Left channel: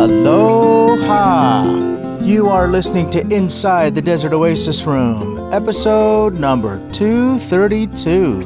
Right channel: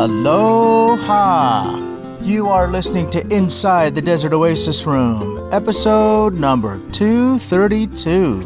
Aloha! You are listening to Inside the Desert Oasis Room, episode number 232.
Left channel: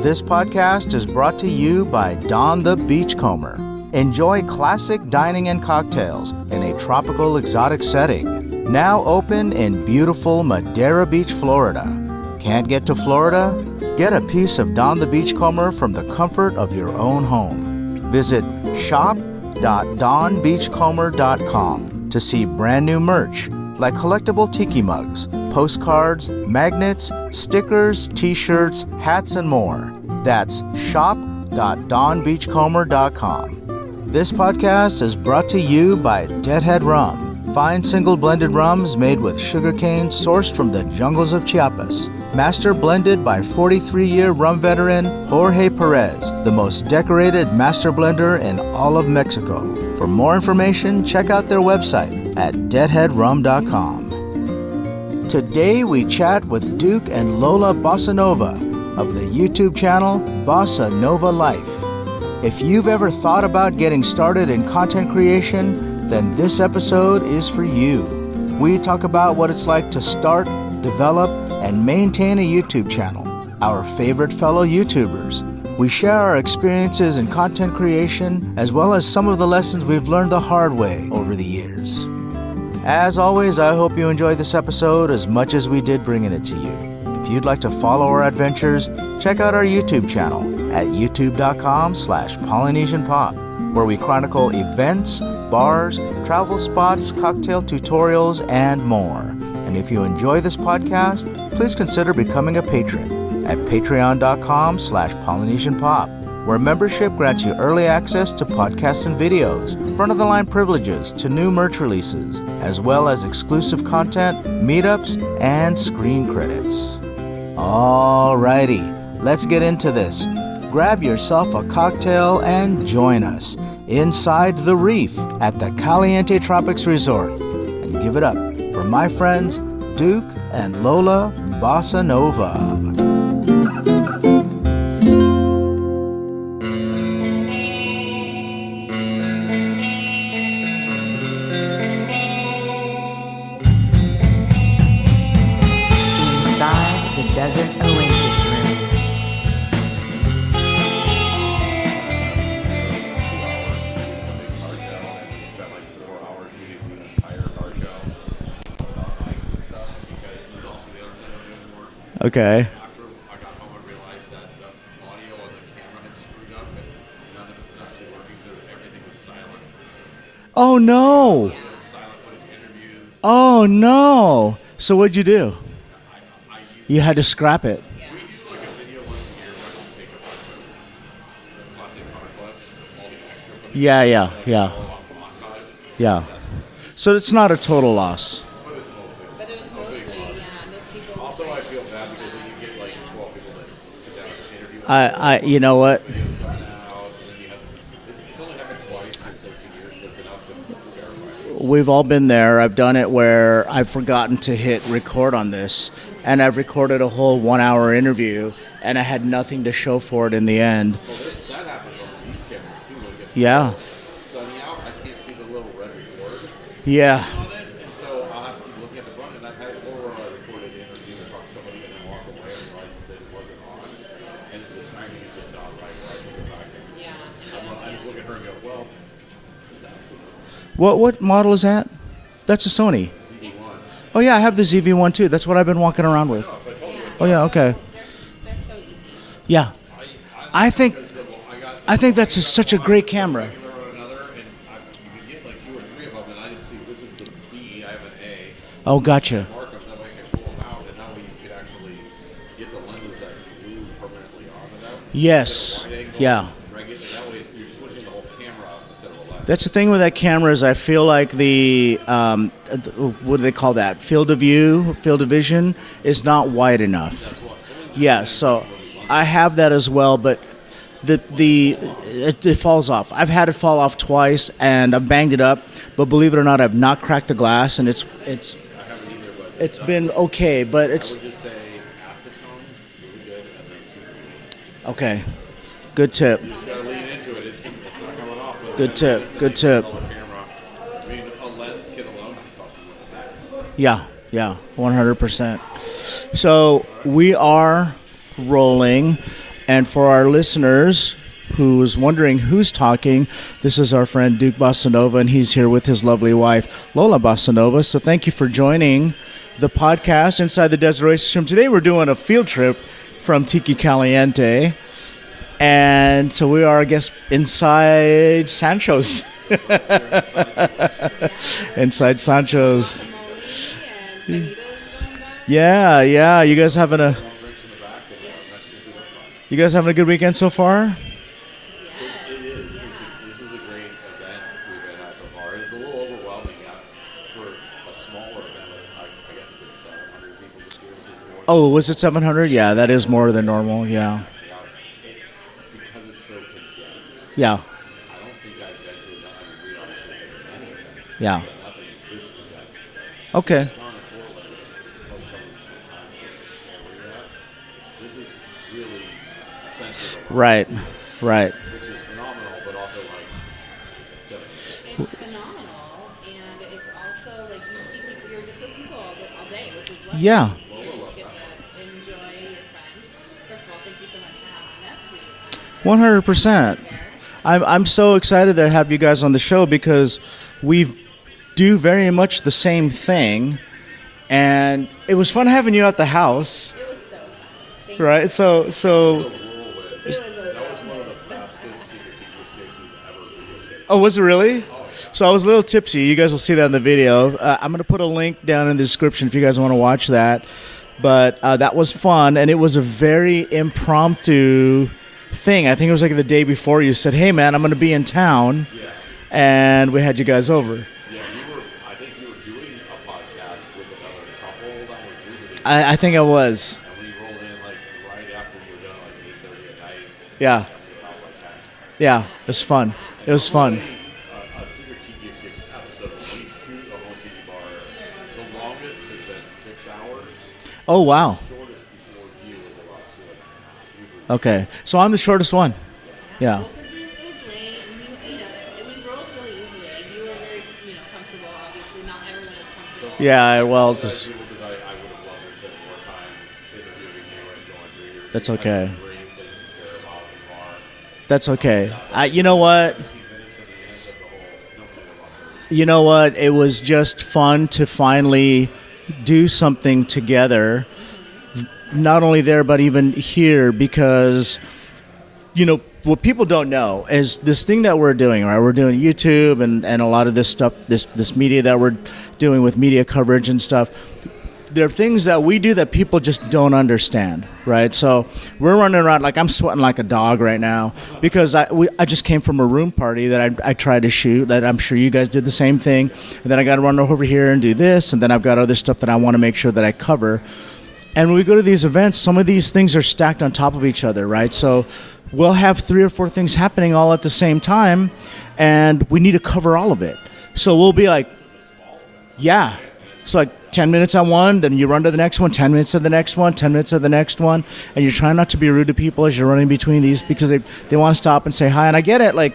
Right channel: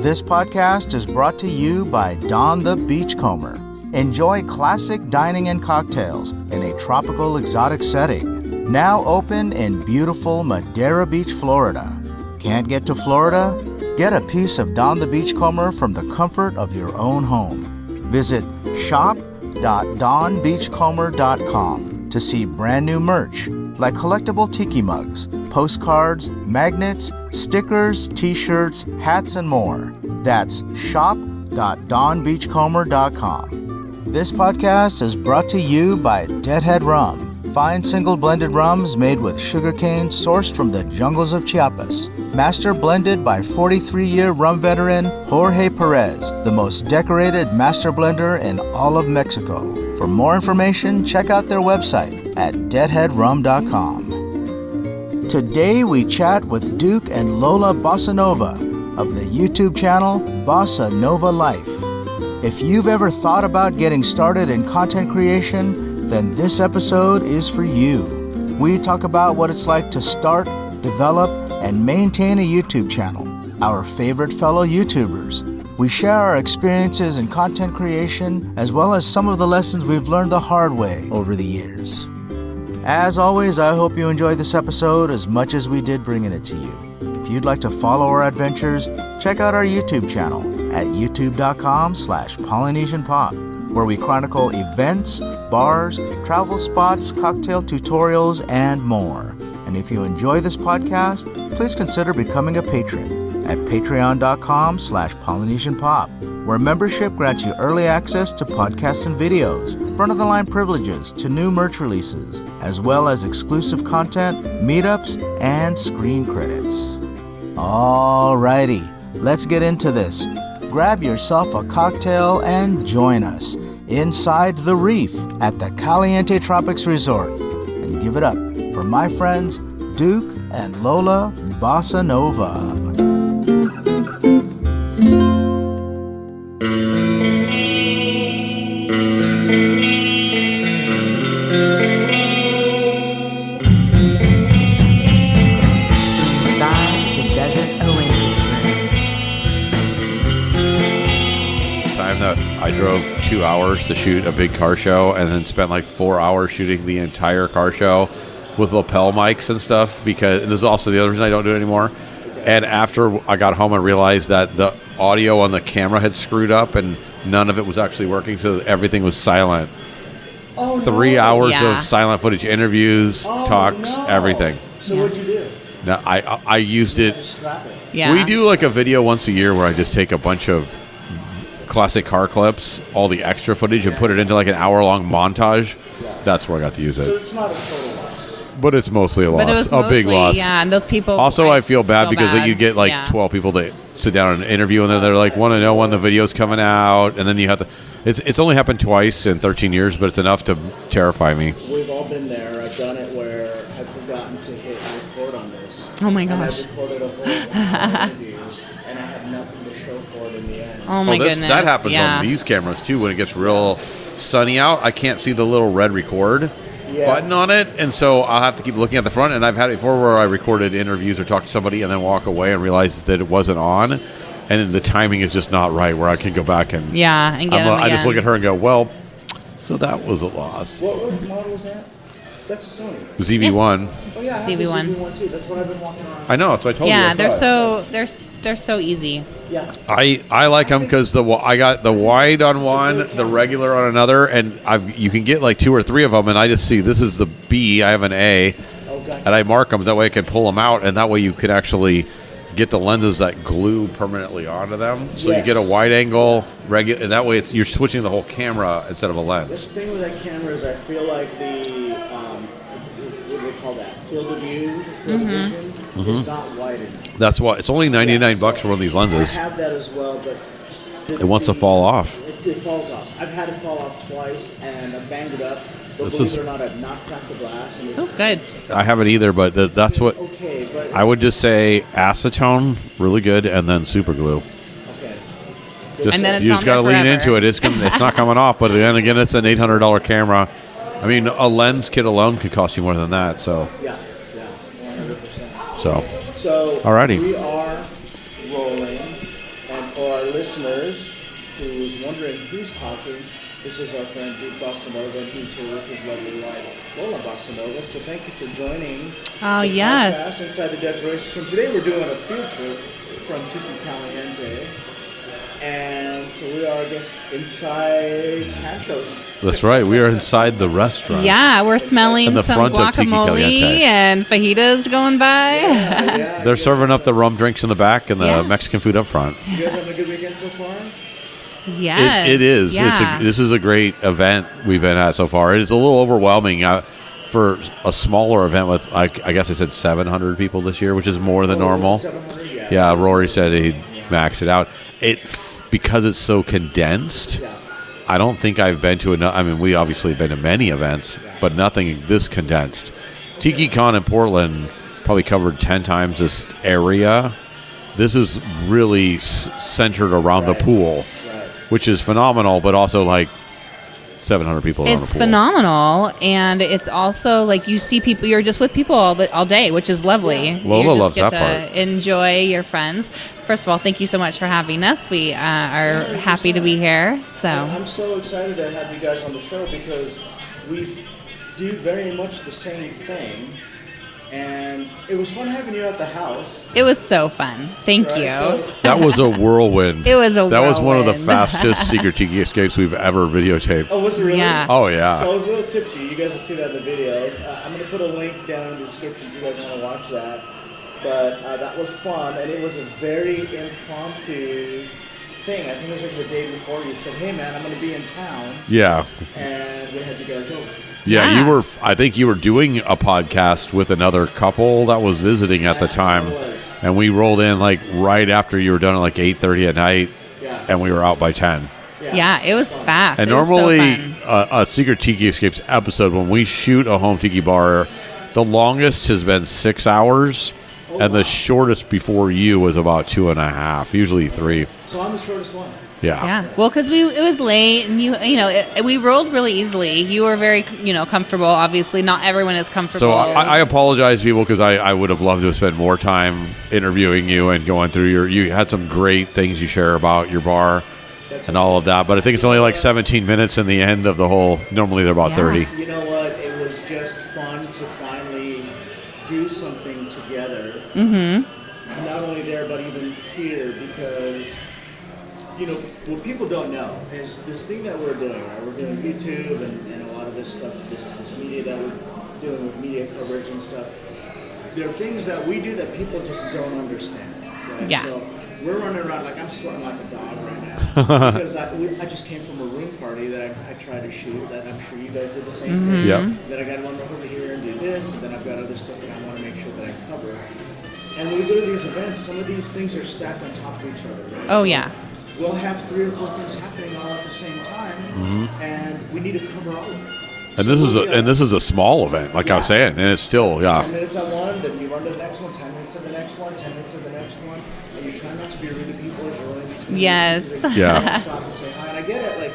This podcast is brought to you by Don the Beachcomber. Enjoy classic dining and cocktails in a tropical exotic setting. Now open in beautiful Madeira Beach, Florida. Can't get to Florida? Get a piece of Don the Beachcomber from the comfort of your own home. Visit shop.donbeachcomber.com to see brand new merch like collectible tiki mugs, postcards, magnets, stickers, t-shirts, hats, and more. That's shop.donbeachcomber.com. This podcast is brought to you by Deadhead Rum. Fine single blended rums made with sugarcane sourced from the jungles of Chiapas. Master blended by 43-year rum veteran Jorge Perez, the most decorated master blender in all of Mexico. For more information, check out their website at deadheadrum.com. Today we chat with Duke and Lola Bossanova of the YouTube channel Bossanova Life. If you've ever thought about getting started in content creation, then this episode is for you. We talk about what it's like to start, develop, and maintain a YouTube channel, our favorite fellow YouTubers. We share our experiences in content creation, as well as some of the lessons we've learned the hard way over the years. As always, I hope you enjoyed this episode as much as we did bringing it to you. If you'd like to follow our adventures, check out our YouTube channel at youtube.com/PolynesianPop, where we chronicle events, bars, travel spots, cocktail tutorials, and more. And if you enjoy this podcast, please consider becoming a patron at patreon.com/PolynesianPop, where membership grants you early access to podcasts and videos, front-of-the-line privileges to new merch releases, as well as exclusive content, meetups, and screen credits. Alrighty, let's get into this. Grab yourself a cocktail and join us inside the reef at the Caliente Tropics Resort. And give it up for my friends Duke and Lola Bossanova. Inside the Desert Oasis Room. I drove 2 hours to shoot a big car show and then spent like 4 hours shooting the entire car show with lapel mics and stuff, because this is also the other reason I don't do it anymore. Okay. And after I got home, I realized that the audio on the camera had screwed up and none of it was actually working, so everything was silent. Oh, no. 3 hours Yeah. of silent footage, interviews, Oh, talks, no. everything. So what'd you do? No, I used You it. had to scrap it. Yeah. We do like a video once a year where I just take a bunch of classic car clips, all the extra footage, and put it into like an hour-long montage. Yeah. That's where I got to use it. So it's not a total loss. But it's mostly a loss, But it was a big mostly- loss. Yeah, and those people. Also, I feel bad because bad. you get like Yeah. 12 people to sit down and interview, and then they're I- like, want to you know know when what? the video's coming out, and then you have to. It's only happened twice in 13 years, but it's enough to terrify me. We've all been there. I've done it where I've forgotten to hit record on this. Oh my And I've gosh. recorded a whole 1 hour interview, and I had nothing to show for it in the end. Oh my goodness. That happens yeah. on these cameras too. When it gets Yeah. real sunny out, I can't see the little red record button on it, and so I'll have to keep looking at the front. And I've had it before where I recorded interviews or talked to somebody and then walk away and realize that it wasn't on, and then the timing is just not right where I can go back and Yeah, and get them I just again. look at her and go, well, so that was a loss. What model is that? That's a Sony. ZV-1. Oh yeah, I have the ZV-1. ZV-1 too. That's what I've been walking around with. I know, that's what I told Yeah, you. they're Yeah, so okay. they're so easy. Yeah. I I like them think- because I got the I think wide that's on such a one, great the camera. regular on another, and you can get like 2 or 3 of them, and I just see this is the B, I have an A, Oh, gotcha. and I mark them. That way I can pull them out, and that way you can actually get the lenses that glue permanently onto them. So Yes. you get a wide angle, Yeah. regular, and that way you're switching the whole camera instead of a lens. That's the thing with that camera is I feel like the what do they call that? Field of view, field of vision is not wide enough. That's why it's only 99 Yeah, so bucks for one of these lenses. I have that as well, but It wants to fall off. It falls off. I've had it fall off twice, and I've banged it up. But This believe is- it or not, I've not cracked the glass, and it's Good. It's I haven't either, but that's been what okay. But it's, I would just say acetone, really good, and then super glue. okay. Good Just, And then tip. it's you just on got to there lean forever. into it. It's not coming off, but then Good again, tip, it's an good tip. $800 camera. I mean, a lens kit alone could cost you more than that. So Yeah, 100%. So alrighty. We are rolling, and for our listeners who was wondering who's talking, this is our friend Duke Bossanova, and he's here with his lovely wife, Lola Bossanova. So thank you for joining the podcast Inside the Desert Oasis Room. Today we're doing a field trip from Tiki Caliente, and so we are, I guess, inside Sancho's. That's right. We are inside the restaurant. Yeah, we're Inside smelling some Sancho's. guacamole and fajitas going by. Yeah. They're You guys serving up having the rum drinks in the back and the Mexican food up front. You guys having a good weekend so far? Yes. It is. Yeah. This is a great event we've been at so far. It is a little overwhelming for a smaller event with, I guess I said 700 people this year, which is more than normal. Oh, was it 700? Yeah, that is Rory more than said normal. he Yeah. maxed it out. Because it's so condensed. Yeah. I don't think I've been to enough. I mean, we obviously have been to many events, but nothing this condensed. Okay. TikiCon in Portland probably covered 10 times this area. This is really centered around the pool, Right. which is phenomenal, but also like 700 people around It's the pool. phenomenal, and it's also like you see people. You're just with people all day, which is lovely. Yeah. Lola you just loves get that to part. enjoy your friends. First of all, thank you so much for having us. We are 100%. happy to be here. So. I'm so excited to have you guys on the show because we do very much the same thing. And it was fun having you at the house. It was so fun. Thank Right, you. so- That was a whirlwind. It was a That was one of the whirlwind. fastest secret tiki escapes we've ever videotaped. Oh, was it really? Yeah. Oh, yeah. So I was a little tipsy. You guys will see that in the video. I'm going to put a link down in the description if you guys want to watch that. But that was fun, and it was a very impromptu thing. I think it was like the day before you said, hey, man, I'm going to be in town. Yeah. And we had you guys over. Yeah, I think you were doing a podcast with another couple that was visiting at the time. I think I was. And we rolled in like right after you were done at like 8:30 at night. Yeah. And we were out by 10. Yeah, it was fun. fast. And It was so normally fun. a Secret Tiki Escapes episode, when we shoot a home tiki bar, the longest has been 6 hours. Oh, and wow. the shortest before you was about 2.5, usually 3. Okay. So I'm the shortest one. Yeah. Yeah. Well, because it was late, and we rolled really easily. You were very comfortable. Obviously, not everyone is comfortable. So Yeah, I well, apologize, just- people, because I would have loved to have spent more time interviewing you and going through you That's had some okay. great things you share about your bar That's and okay. all of that. But I think you it's know only like what? 17 minutes in the end of the whole. Normally they're about Yeah. 30. You know what? It was just fun to finally do something together. Mm-hmm. Not only there, but even here, because, what people don't know is this thing that we're doing, right? We're doing YouTube and a lot of this stuff, this media that we're doing with media coverage and stuff. There are things that we do that people just don't understand, right? Yeah. So we're running around like I'm sweating like a dog right now because I just came from a room party that I tried to shoot. That I'm sure you guys did the same thing. Yep. And then I got to run over here and do this, and then I've got other stuff that I want to make sure that I cover. And when we go to these events, some of these things are stacked on top of each other, right? Oh, so yeah. we'll have 3 or 4 things happening all at the same time, and we need to cover all of it. And So this we'll is be like, and this is a small event, like Yeah. I'm saying, and it's so still 10 minutes on one, then you run to the next one, 10 minutes to the next one, 10 minutes to the next one, and you're trying not to be rude to people as you're running between Yes. these because they Yeah. want to stop and say hi. And I get it, like,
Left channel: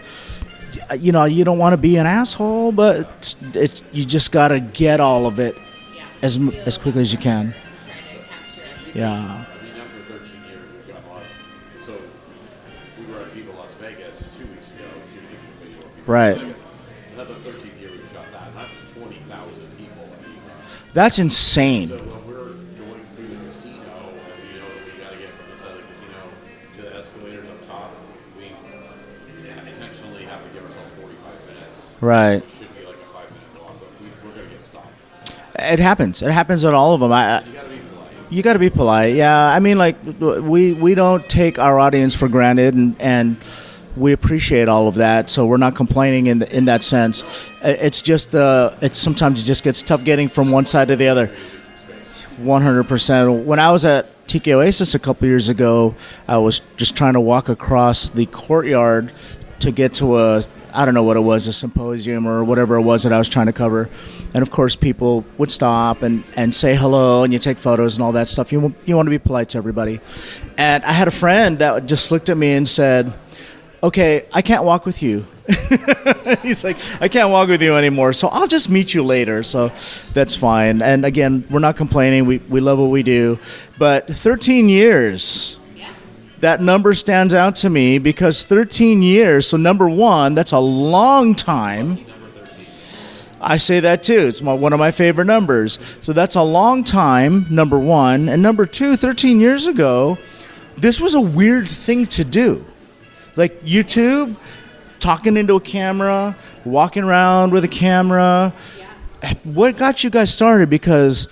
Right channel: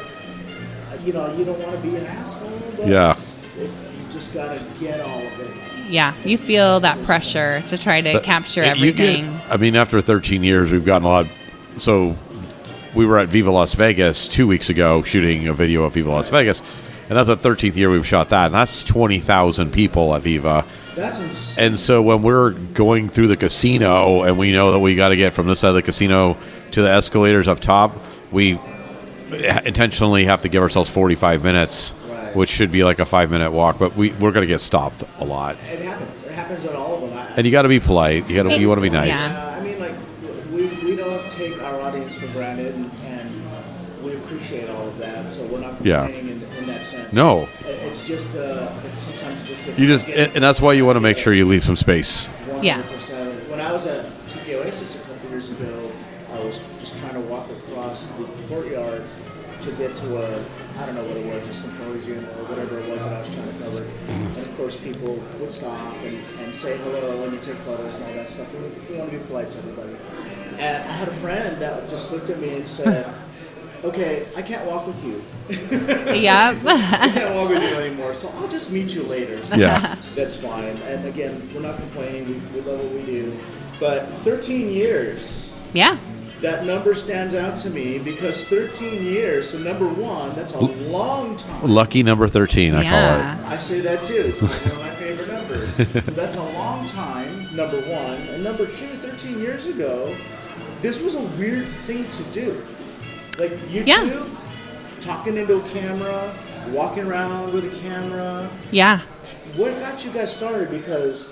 you don't want to be an asshole, but Yeah. it's you just got to get all of it. Yeah, as you feel as that quickly as you can. pressure to try to But capture you everything. I mean, after 13 years, we've gotten a lot. So we were at Viva Las Vegas 2 weeks ago shooting a video of Viva Las Right. Vegas. And that's the 13th year we've shot that. And that's 20,000 people at Viva. That's insane. And so when we're going through the casino and we know that we got to get from this side of the casino to the escalators up top, we intentionally have to give ourselves 45 minutes, Right. which should be like a 5-minute walk. But we're going to get stopped a lot. It happens. It happens at all of them. And you got to be polite. You gotta be wanna polite. nice. Yeah, I mean, like we don't take our audience for granted, and we appreciate all of that. So we're not complaining in that sense. No. It's just it's sometimes it just gets You tough just, getting and from that's one why side you to want to the make other. sure you leave some space. 100%. When I was at Tiki Oasis a couple years ago, I was just trying to walk across the courtyard to get to I don't know what it was, a symposium or whatever it was that I was trying to cover. And of course, people would stop and say hello, and you take photos and all that stuff. You want to be polite to everybody. And I had a friend that just looked at me and said, okay, I can't walk with you. Yeah. I can't walk with you anymore, so I'll just meet you later. So that's fine. And again, we're not complaining. We love what we do. But 13 years. Yeah. That number stands out to me because 13 years, so number one, that's a long time. Lucky number 13, I call it. I say that too. It's one of my favorite numbers. So that's a long time, number one. And number two, 13 years ago, this was a weird thing to do. Like YouTube, talking into a camera, walking around with a camera. Yeah. What got you guys started? Because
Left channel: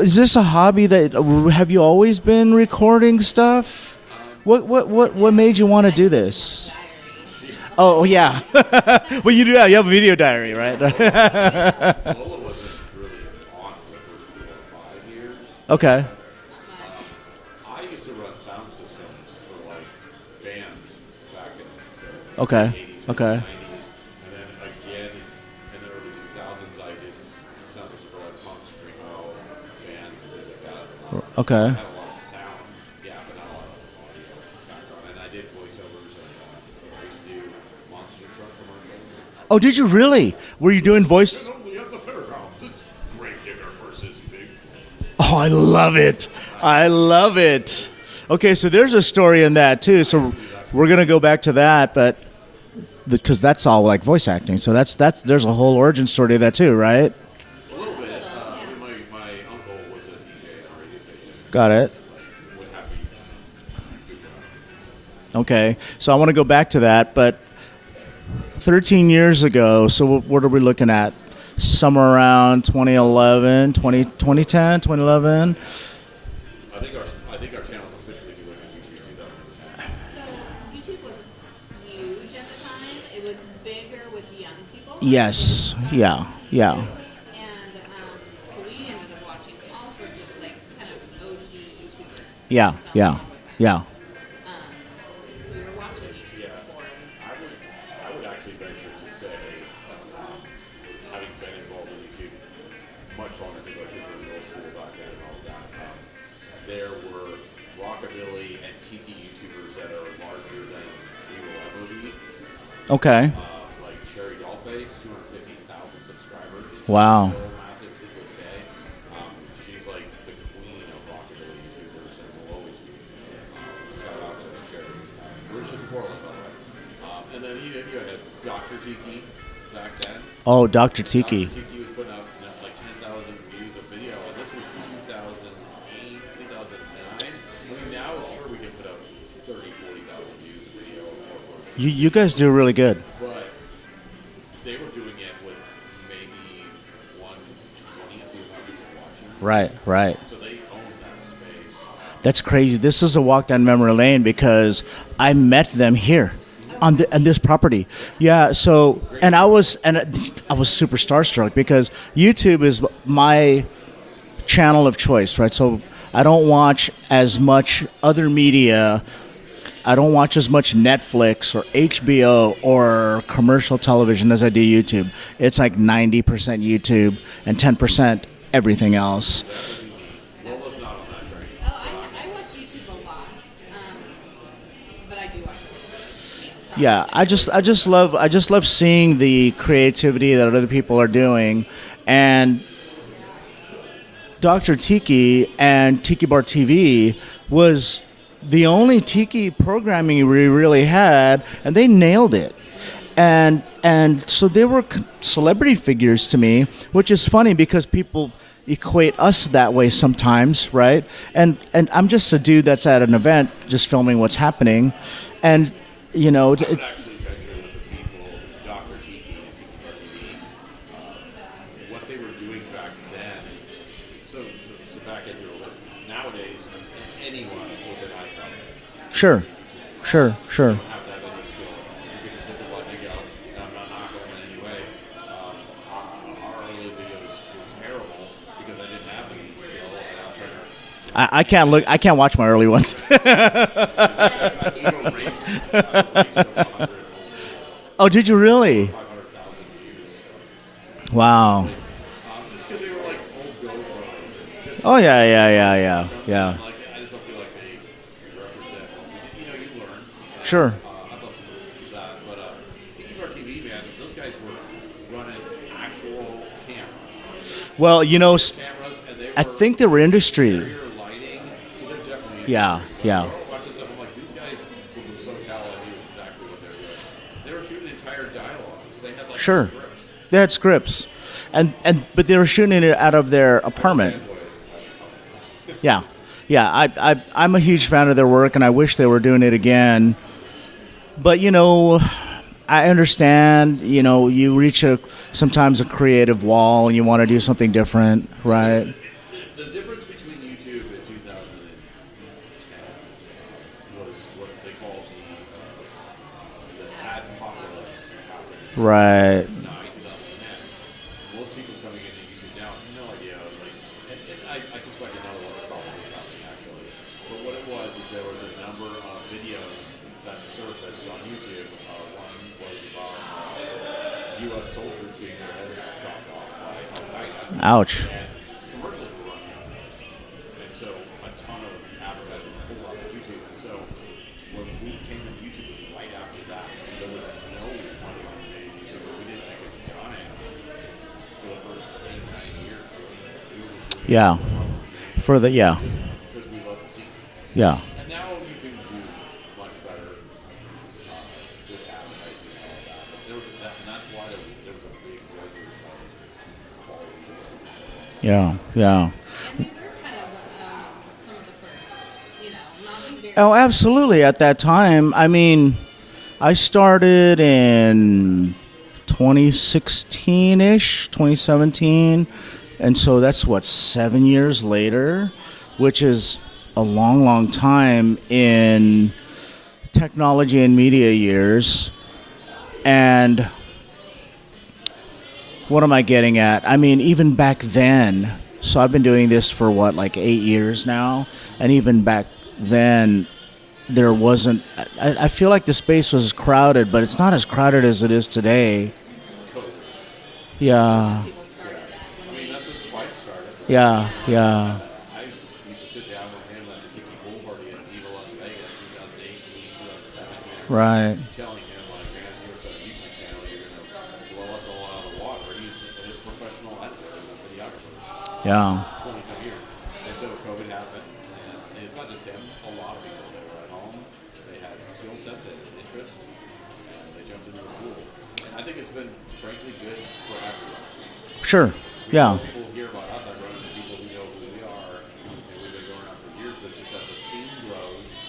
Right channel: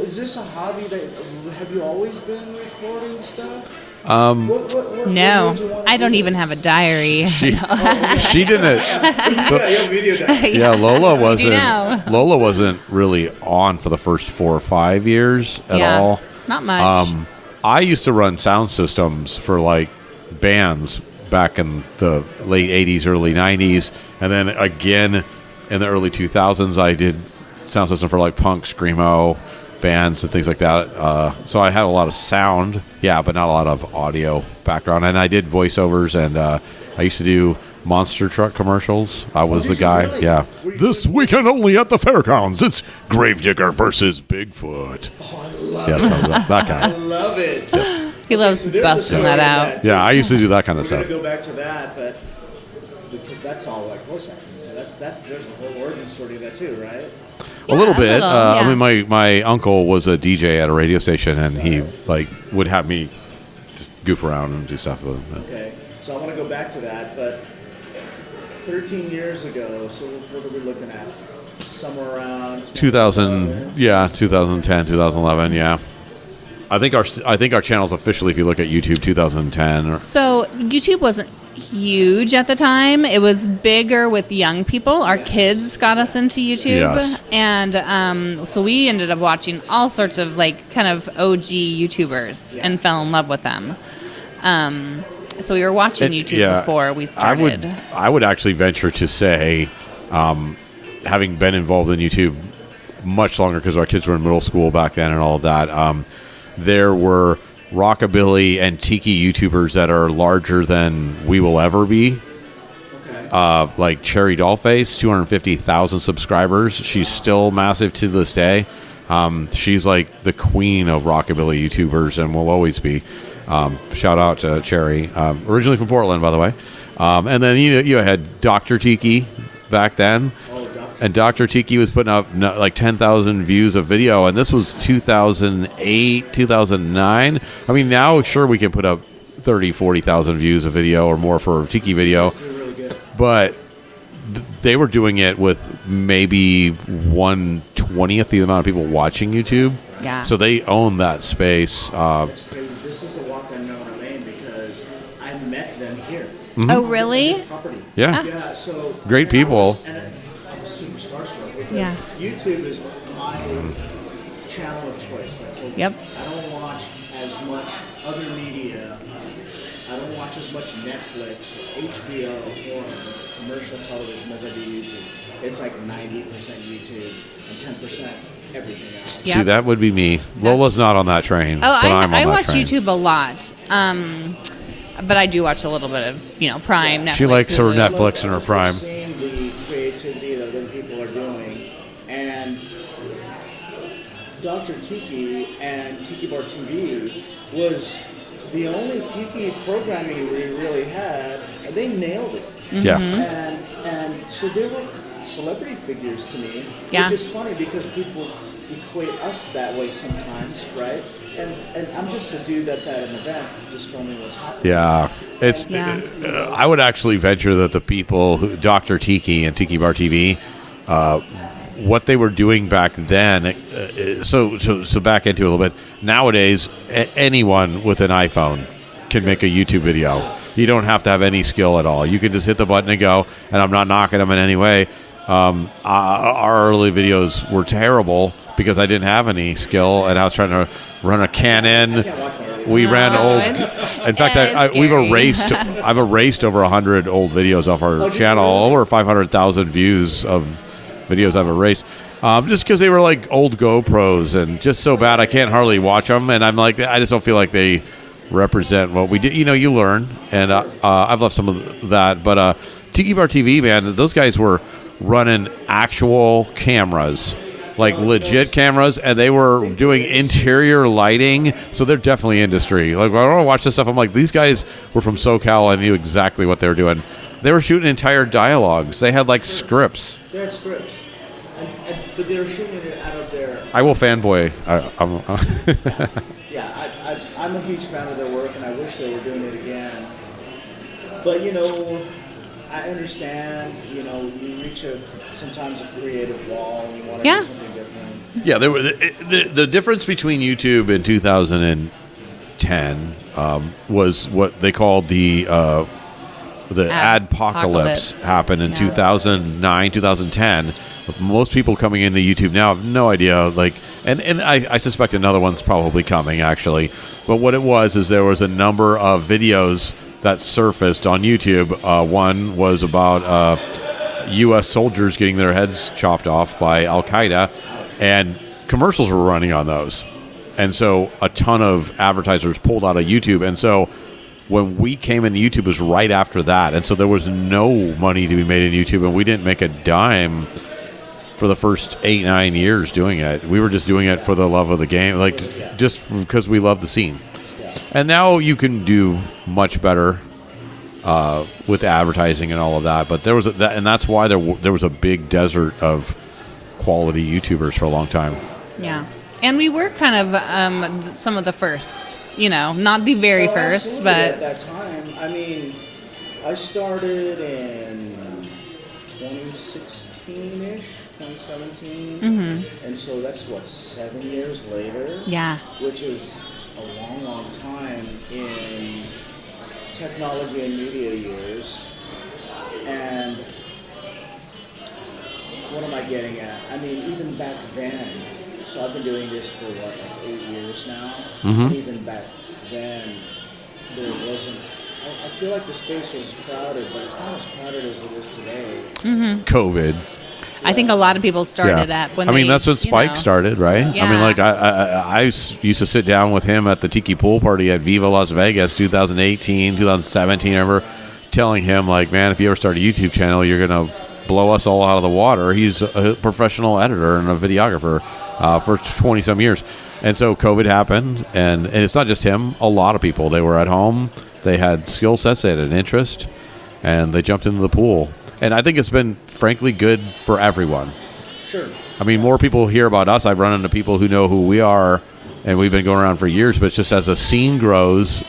is this a hobby that have you always been recording stuff? What made you want to do this? I don't even have a diary. She didn't. But you do. You have a video diary. Yeah, Lola wasn't really on for the first 4 or 5 years at all. Not much. I used to run sound systems for like bands back in the late 80s, early 90s. And then again in the early 2000s, I did sound system for like punk, screamo bands and things like that. So I had a lot of sound, but not a lot of audio background. And I did voiceovers, and I used to do monster truck commercials. I was did the guy. you really? Yeah. Were you doing voice? This weekend only at the fairgrounds. It's Gravedigger versus Bigfoot. Oh, I love it. I love it. Okay, so there's a story in that too. Yeah, so I used to do that kind of stuff. We're gonna go back to that, but because that's all like voice acting. So that's there's a whole origin story to that too, right? A little bit. yeah. I mean, my uncle was a DJ at a radio station, and he would have me goof around and do stuff with him. Okay, so I want to go back to that, but 13 years ago. So what are we looking at? Somewhere around 2011, 2010, 2011. Yeah. I think our channel's officially, if you look at YouTube, 2010. So YouTube wasn't huge at the time. It was bigger with young people. Our kids got us into YouTube, and so we ended up watching all sorts of like kind of OG YouTubers and fell in love with them. Yeah. So we were watching YouTube before we started. I would actually venture to say, having been involved in YouTube much longer because our kids were in middle school back then and all of that, there were rockabilly and tiki YouTubers that are larger than we will ever be. Okay. Like Cherry Dollface, 250,000 subscribers. She's still massive to this day. She's like the queen of rockabilly YouTubers and will always be. Shout out to Cherry, originally from Portland, by the way. And then you had Dr. Tiki back then. Oh, Dr. And Tiki. Dr. Tiki was putting up like 10,000 views of video, and this was 2008, 2009. I mean, now, sure, we can put up 30, 40,000 views of video or more for Tiki video. You guys do really good. But they were doing it with maybe 1/20th the amount of people watching YouTube. Right. Yeah. So they own that space. That's crazy. This is a walk down memory lane because I met them here. Oh, on really? on this property. Yeah. Yeah. So great and people. I was super starstruck because YouTube is my channel of choice, right? So I don't watch as much other media. I don't watch as much Netflix or HBO or commercial television as I do YouTube. It's like 90% YouTube and 10% everything else. See, that would be me. Lola's not on that train. Oh, but I'm on I that watch train. YouTube a lot. But I do watch a little bit of, Prime now. She likes her Netflix I and just her love Prime. seeing the creativity that other people are doing. And Dr. Tiki and Tiki Bar TV was the only Tiki programming we really had, and they nailed it. Yeah. And so they were celebrity figures to me, which is funny because people equate us that way sometimes, right? And I'm just a dude that's at an event just filming what's happening. Yeah. And I would actually venture that the people who Dr. Tiki and Tiki Bar TV, what they were doing back then, so back into it a little bit. Nowadays, anyone with an iPhone can make a YouTube video. Sure. You don't have to have any skill at all. You can just hit the button and go. And I'm not knocking them in any way. Our early videos were terrible because I didn't have any skill, and I was trying to run a Canon. I can't watch my early ones. We ran old. In fact, we've erased. I've erased over 100 old videos off our did you channel. really? Over 500,000 views of videos I've erased. Just because they were like old GoPros and just so bad I can't hardly watch them. And I'm like, I just don't feel like they represent what we did. You learn, and Sure. I've loved some of that. But Tiki Bar TV, man, those guys were running actual cameras. Like legit cameras, and they were doing interior lighting, so they're definitely industry. When I watch this stuff, I'm like, these guys were from SoCal and knew exactly what they were doing. They were shooting entire dialogues. They had scripts. They had scripts, but they were shooting it out of their apartment. I will fanboy. I'm a huge fan of their work, and I wish they were doing it again. But I understand, you reach sometimes a creative wall and you want to do something different. Yeah, right? the difference between YouTube in 2010 was what they called the adpocalypse happened in 2009, 2010. Most people coming into YouTube now have no idea, and I suspect another one's probably coming, actually. But what it was is there was a number of videos that surfaced on YouTube. One was about U.S. soldiers getting their heads chopped off by Al-Qaeda. Ouch. And commercials were running on those. And so a ton of advertisers pulled out of YouTube. And so when we came into YouTube, it was right after that. And so there was no money to be made in YouTube, and we didn't make a dime for the first 8-9 years doing it. We were just doing it for the love of the game. Just because we love the scene. Yeah. And now you can do much better with advertising and all of that. But there was and that's why there was a big desert of quality YouTubers for a long time. Yeah. And we were kind of some of the first, not the very first. Oh, absolutely. But at that time, I mean, I started in 2016-ish, 2017. Mm-hmm. And so that's 7 years later? Yeah. Which is a long, long time in technology and media years. And what am I getting at? I mean, even back then, so I've been doing this for 8 years now, and even back then, there wasn't. I feel like the space was crowded, but it's not as crowded as it is today. Mm-hmm. COVID. I think a lot of people started at when that's when Spike started, right? Yeah. I mean, I used to sit down with him at the Tiki Pool Party at Viva Las Vegas 2018, 2017, I remember telling him, man, if you ever start a YouTube channel, you're going to blow us all out of the water. He's a professional editor and a videographer for 20-some years. And so COVID happened, and it's not just him. A lot of people, they were at home. They had skill sets, they had an interest, and they jumped into the pool. And I think it's been, frankly, good for everyone. Sure. I mean, more people hear about us. I've run into people who know who we are, and we've been going around for years. But it's just as the scene grows,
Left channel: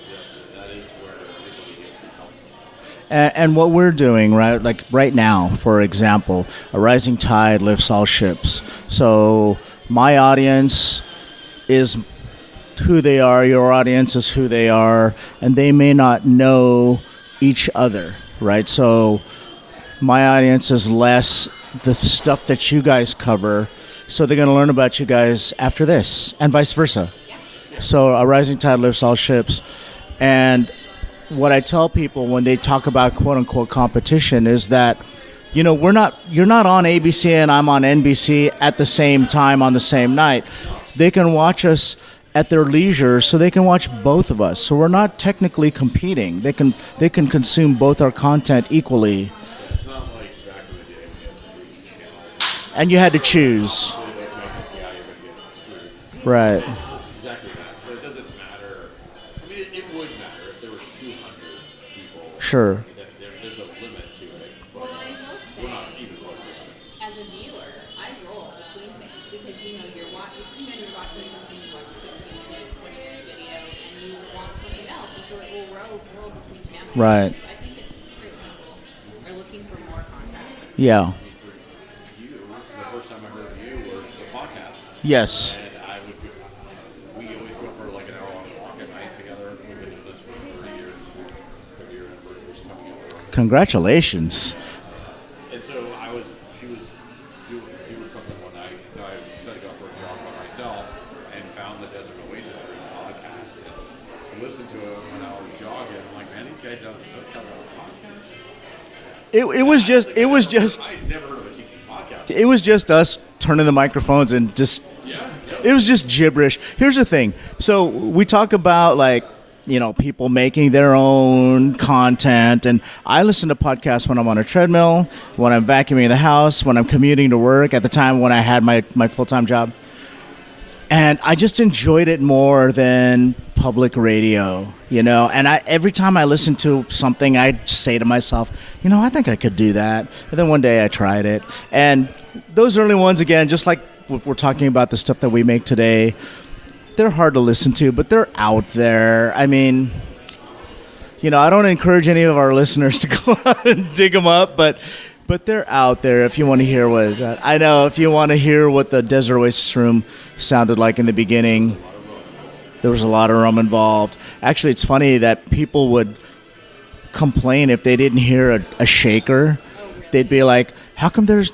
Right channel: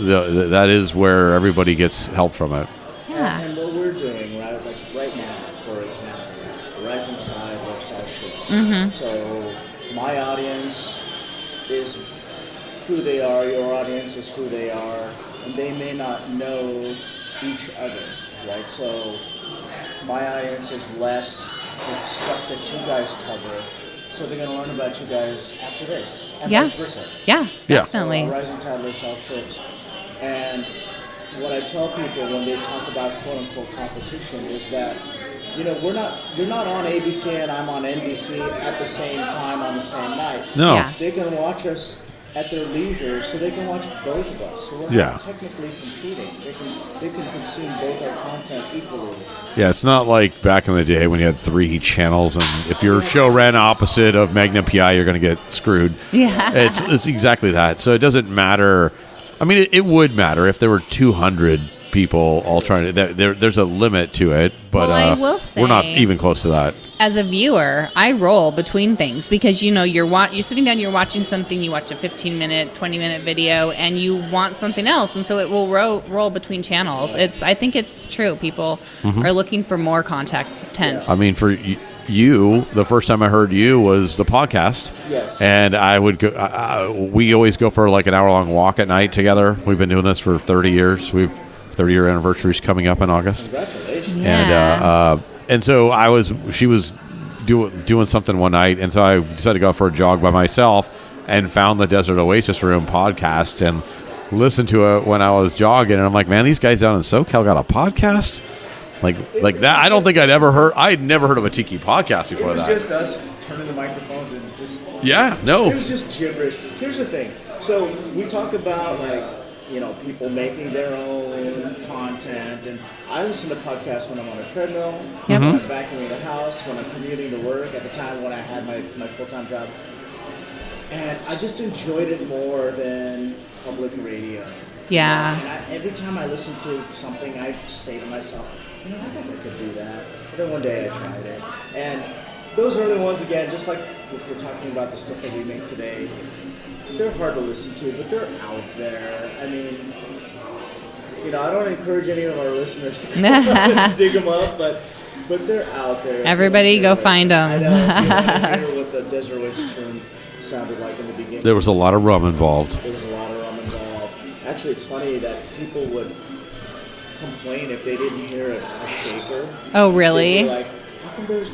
that is where everybody gets help from it. And what we're doing, right? Like right now, for example, a rising tide lifts all ships. Mm-hmm. So my audience is who they are. Your audience is who they are, and they may not know each other. Right, so my audience is less the stuff that you guys cover, so they're going to learn about you guys after this, and vice versa. Yeah. So a rising tide lifts all ships, and what I tell people when they talk about quote unquote competition is that you're not on ABC and I'm on NBC at the same time on the same night. No, they can watch us at their leisure, so they can watch both of us. So we're not technically competing. They can consume both our content equally. Yeah, it's not like back in the day when you had 3 channels, and if and your you show ran opposite of Magna PI, you're going to get screwed. Yeah. Right. It's exactly that. So it doesn't matter. I mean, it would matter if there were 200 people all trying to. There's a limit to it, but I will say, we're not even close to that. As a viewer, I roll between things because you're sitting down, you're watching something, you watch a 15-minute, 20-minute video, and you want something else, and so it will roll between channels. Right. I think it's true. People are looking for more content. Yeah. I mean, for you, the first time I heard you was the podcast. Yes. And I would go. We always go for an hour-long walk at night together. We've been doing this for 30 years. 30-year anniversary is coming up in August. Congratulations. And so she was doing something one night, and so I decided to go for a jog by myself and found the Desert Oasis Room podcast and listened to it when I was jogging. And I'm like, man, these guys down in SoCal got a podcast? Like It that. was I don't think I'd ever heard. just- I'd never heard of a tiki podcast. It was that. just us turning the microphones and just. Yeah. No. It was just gibberish. Here's the thing. So we talk about people making their own content, and I listen to podcasts when I'm on a treadmill, when I'm vacuuming the house, when I'm commuting to work. At the time when I had my full-time job, and I just enjoyed it more than public radio. You know, and every time I listen to something, I say to myself, I think I could do that. And then one day I tried it, and those early ones, again, just like we're talking about the stuff that we make today, they're hard to listen to, but they're out there. I mean, I don't encourage any of our listeners to go out and dig them up, but they're out there. If Everybody you want to hear go find them. I know. If you want to hear what the Desert Oasis room sounded like in the beginning. There was a lot of rum involved. Actually, it's funny that people would complain if they didn't hear a shaker. Oh, really? They'd be like, how come there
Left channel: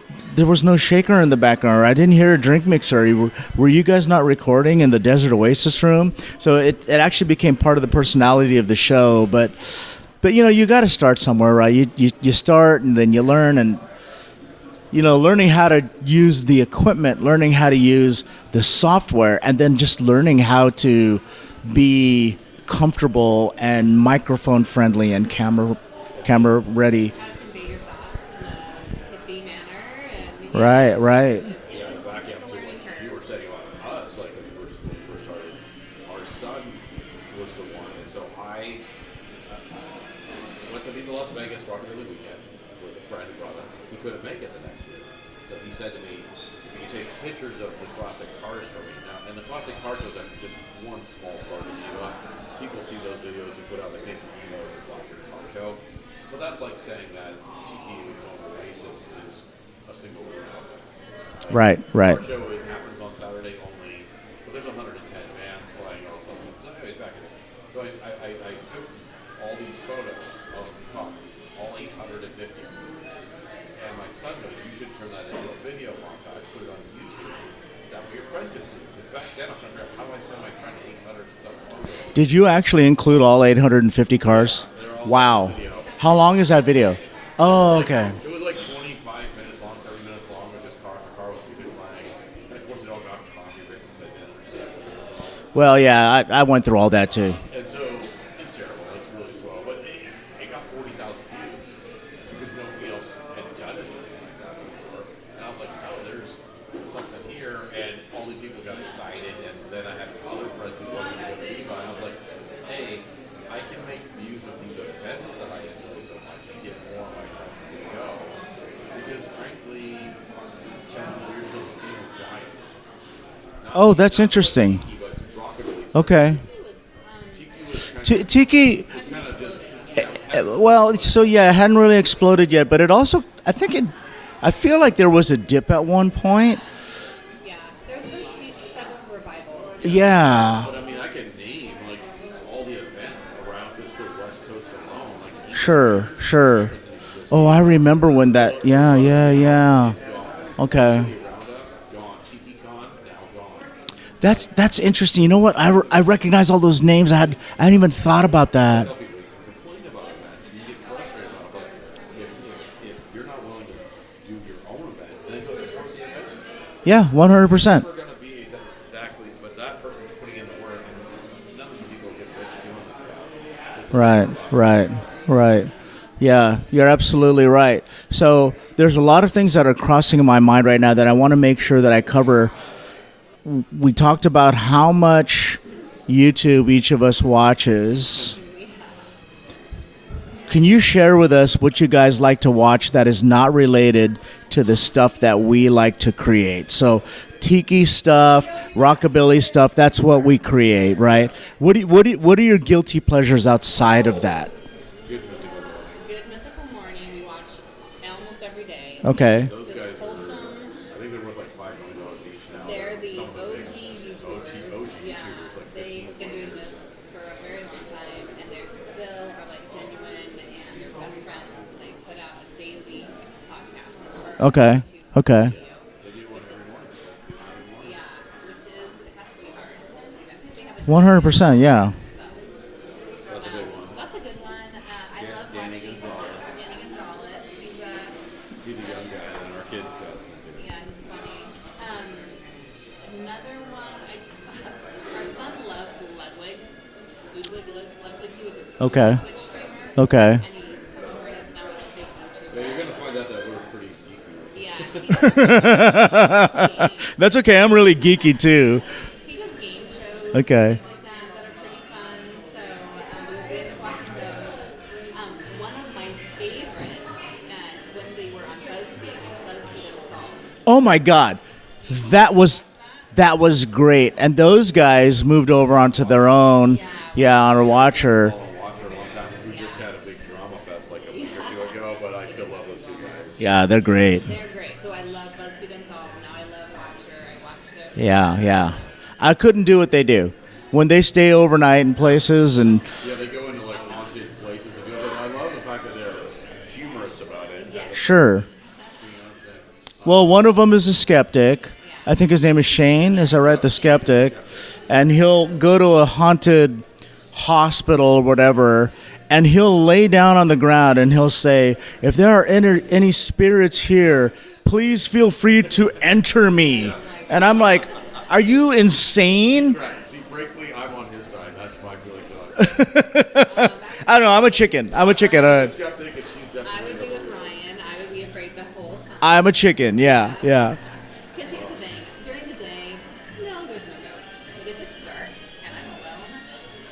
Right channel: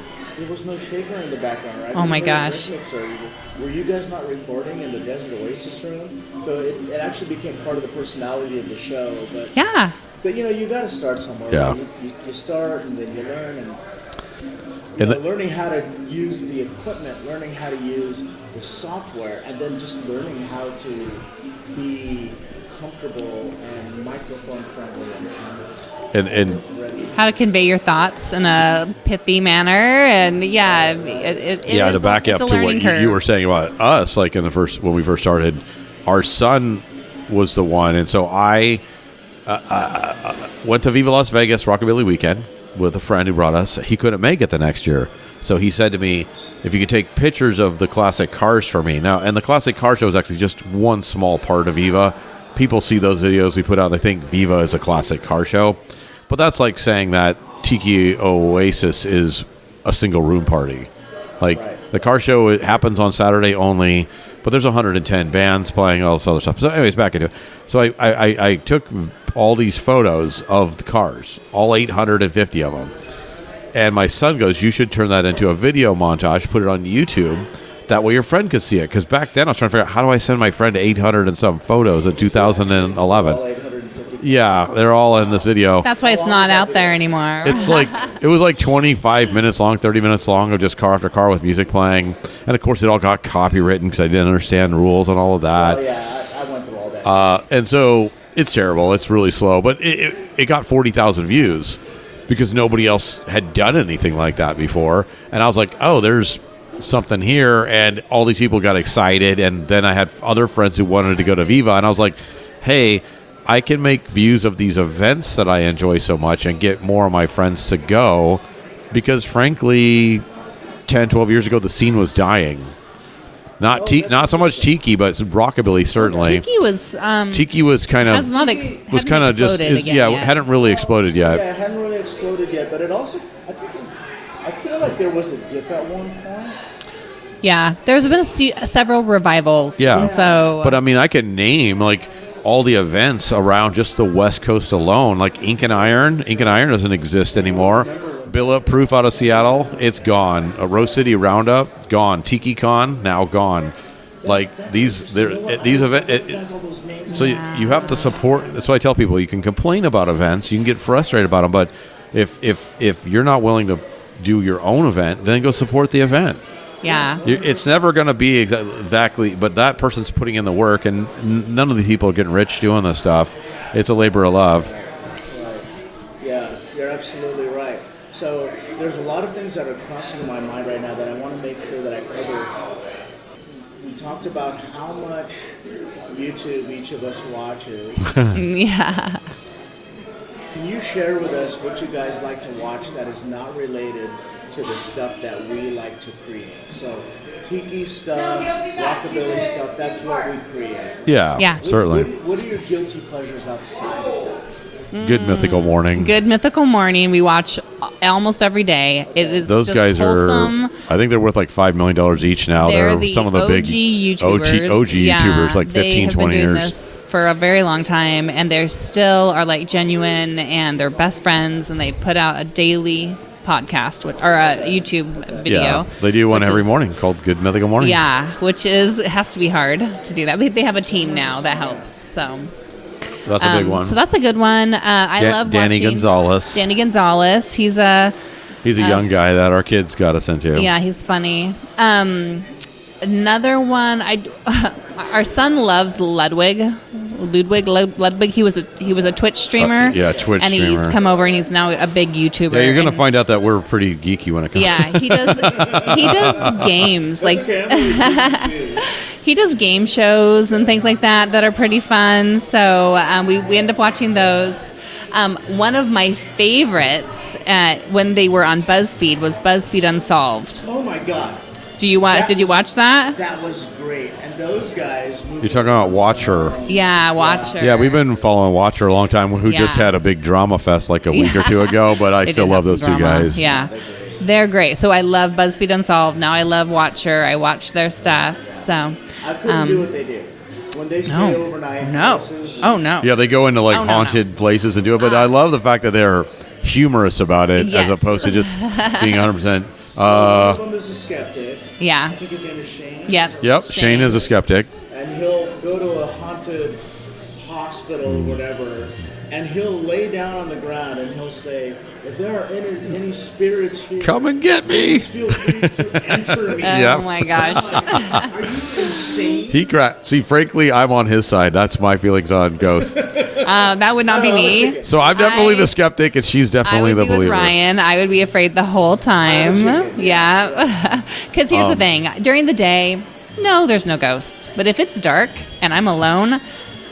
was no shaker in the background, or I didn't hear a drink mixer? Were you guys not recording in the Desert Oasis room? So it actually became part of the personality of the show. But you got to start somewhere, right? You start and then you learn, and learning how to use the equipment, learning how to use the software, and then just learning how to be comfortable and microphone friendly and camera ready. How to convey your thoughts in a pithy manner, and right. To back up to what you were saying about us, like when we first started, our son was the one, and so I went to Viva Las Vegas Rockabilly Weekend with a friend who brought us. He couldn't make it the next year, so he said to me, if you could take pictures of the classic cars for me. Now, and the classic car show is actually just one small part of Viva. People see those videos we put out, they think Viva is a classic car show. But that's like saying that Tiki Oasis is a single room party. Like the car show, it happens on Saturday only, but there's 110 bands playing, all this other stuff. So anyways, back into it. So I took all these photos of the cars, all 850 of them. And my son goes, you should turn that into a video montage, put it on YouTube. That way your friend could see it. Because back then I was trying to figure out, how do I send my friend 800 and some photos of 2011? Did you actually include all 850 cars? Yeah, they're all in this video. That's why it's not out there anymore. It was like 25 minutes long, 30 minutes long of just car after car with music playing. And of course it all got copywritten because I didn't understand rules and all of that. Well, yeah, I went through all that too. And so it's terrible. It's really slow. But it got 40,000 views because nobody else had done anything like that before. And I was like, oh, there's something here, and all these people got excited, and then I had other friends who wanted to go to Viva, and I was like, hey, I can make views of these events that I enjoy so much and get more of my friends to go, because frankly 10, 12 years ago the scene was dying. Not so much Tiki, but rockabilly certainly. Okay. Tiki was kind of just hadn't really exploded yet. Yeah, it hadn't really exploded yet, but it also I feel like there was a dip at one point. Yeah, there's been several revivals. Yeah. So. But I mean, I could name like all the events around just the West Coast alone, like Ink and Iron. Ink and Iron doesn't exist anymore. I remember when that. Bullet Proof out of Seattle, it's gone. A Rose City Roundup, gone. Tiki Con, now gone. That's interesting. You know what? I recognize all those names. I hadn't even thought about that. So I tell people, you can complain about events, you can get frustrated about them, but if you're not willing to do your own event, then go support the event. Yeah, 100%. It's never going to be exactly, but that person's putting in the work, and none of these people are getting rich doing this stuff. It's a labor of love. Right. Yeah, you're absolutely right. So there's a lot of things that are crossing my mind right now that I want to make sure that I cover. We talked about how much YouTube each of us watches. Yeah. Can you share with us what you guys like to watch that is not related to the stuff that we like to create? So Tiki stuff, rockabilly stuff, that's what we create, right? Yeah. What are your guilty pleasures outside of that? Good Mythical Morning. Good Mythical Morning. We watch almost every day. Okay. Those guys wholesome. I think they're worth like $5 million each now. They're some of the OG big YouTubers. OG YouTubers, like 15, 20 years. This for a very long time, and they still are like genuine, and they're best friends, and they put out a daily podcast or a YouTube video. Yeah, they do one every morning called Good Mythical Morning. Yeah, it has to be hard to do that. But they have a team 100%, now that yeah. helps, so. That's a big one. So that's a good one. I love Danny watching Gonzalez. Danny Gonzalez. He's a young guy that our kids got us into. Yeah, he's funny. Another one, our son loves Ludwig. He was a Twitch streamer. Twitch and streamer. He's come over and he's now a big YouTuber. Yeah, you're going to find out that we're pretty geeky when it comes. Yeah, he does games. That's okay. I'm really geeky too. He does game shows and things like that are pretty fun. So we end up watching those. One of my favorites when they were on BuzzFeed was BuzzFeed Unsolved. Oh my God. Did you watch that? That was great. And those guys moved over onto their own. Yeah, Watcher. Yeah, we've been following Watcher a long time, who just had a big drama fest like a week or two ago, but I still love those two guys. Yeah, they're great. They're great. So I love BuzzFeed Unsolved. Now I love Watcher. I watch their stuff. Yeah. So I couldn't do what they do. When they stay overnight in places. And Yeah, they go into haunted places and do it, but I love the fact that they're humorous about it as opposed to just being 100%. Well, one of them is a skeptic. Yeah. I think his name is Shane. Yep. Is that right? The Shane skeptic. is a skeptic. And he'll go to a haunted hospital or whatever, and he'll lay down on the ground and he'll say, if there are any spirits here, come and get me. Please feel free to enter me. Oh, my God. And I'm like, are you insane? See, frankly, I'm on his side. That's my feelings on ghosts. That would not be me. I'm a chicken. So I'm definitely the skeptic, and she's definitely the believer. With Ryan, I would be afraid the whole time. I'm a chicken. Yeah. Because here's the thing: during the day, no, there's no ghosts. But if it's dark and I'm alone,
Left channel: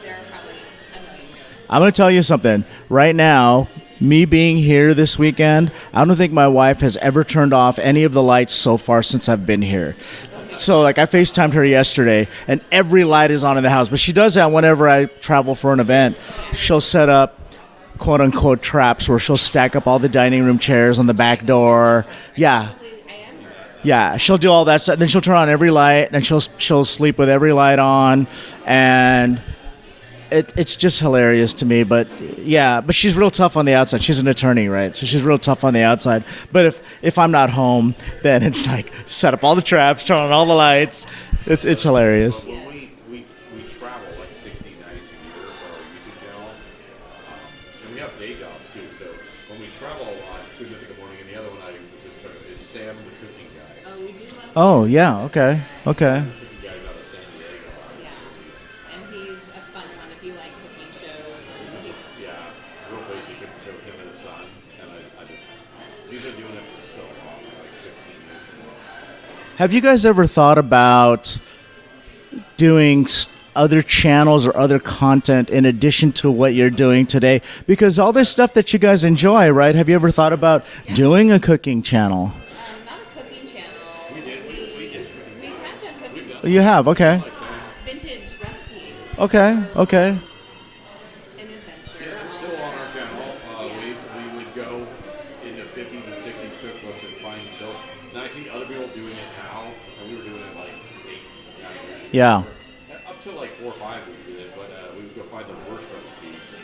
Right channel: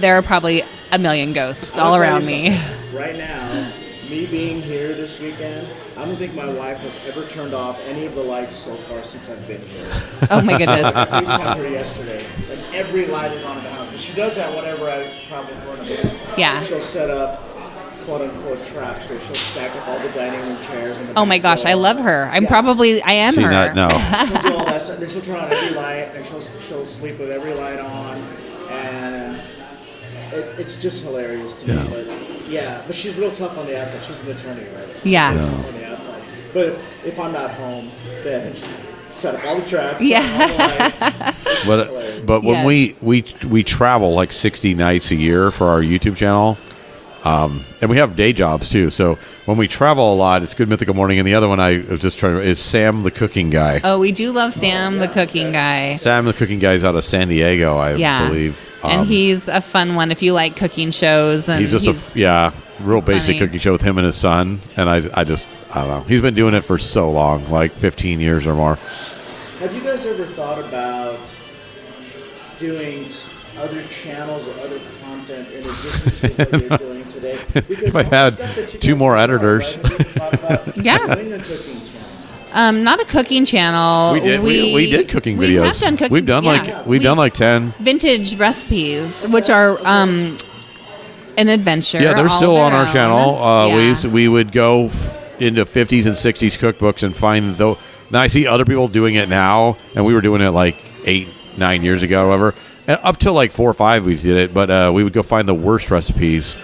there are probably a million ghosts. I'm going to tell you me. something. Right now, me being here this weekend, I don't think my wife has ever turned off any of the lights so far since I've been here. Oh my goodness. So I FaceTimed her yesterday, and every light is on in the house. But she does that whenever I travel for an event. Yeah. She'll set up quote-unquote traps where she'll stack up all the dining room chairs on the back door. Oh my gosh, I love her. I am See, her. no. Yeah, she'll do all that stuff. Then she'll turn on every light, and she'll sleep with every light on, and it's just hilarious to me. But but she's real tough on the outside. She's an attorney, right? So she's real tough on the outside. But if I'm not home, then it's like set up all the traps, turn on all the lights. It's hilarious. But when we travel like 60 nights a year for our YouTube channel, and we have day jobs too. So when we travel a lot, it's Good Mythical Morning, and the other one I was just trying to is Sam the Cooking Guy. Oh, we do love Sam the Cooking Guy. Okay. Sam the Cooking Guy is out of San Diego, I believe. And he's a fun one if you like cooking shows. And he's just real basic funny. cooking show with him and his son. And I don't know. He's been doing it for so long, like 15 years or more. Have you guys ever thought about doing other channels or other content in addition to what you're doing today? Because all the stuff that you guys enjoy, editors. right? Have you ever thought about doing a cooking channel? Not a cooking channel. We did cooking videos. We have done cooking. We've done we've done like 10 vintage recipes, Okay, which are okay. an adventure. Yeah, they're all still of on their our own. channel. We would go into 50s and 60s cookbooks and find though. Now I see other people doing it now, and we were doing it like 8-9 years ago, whatever. And up till like 4 or 5, we did it. But we would go find the worst recipes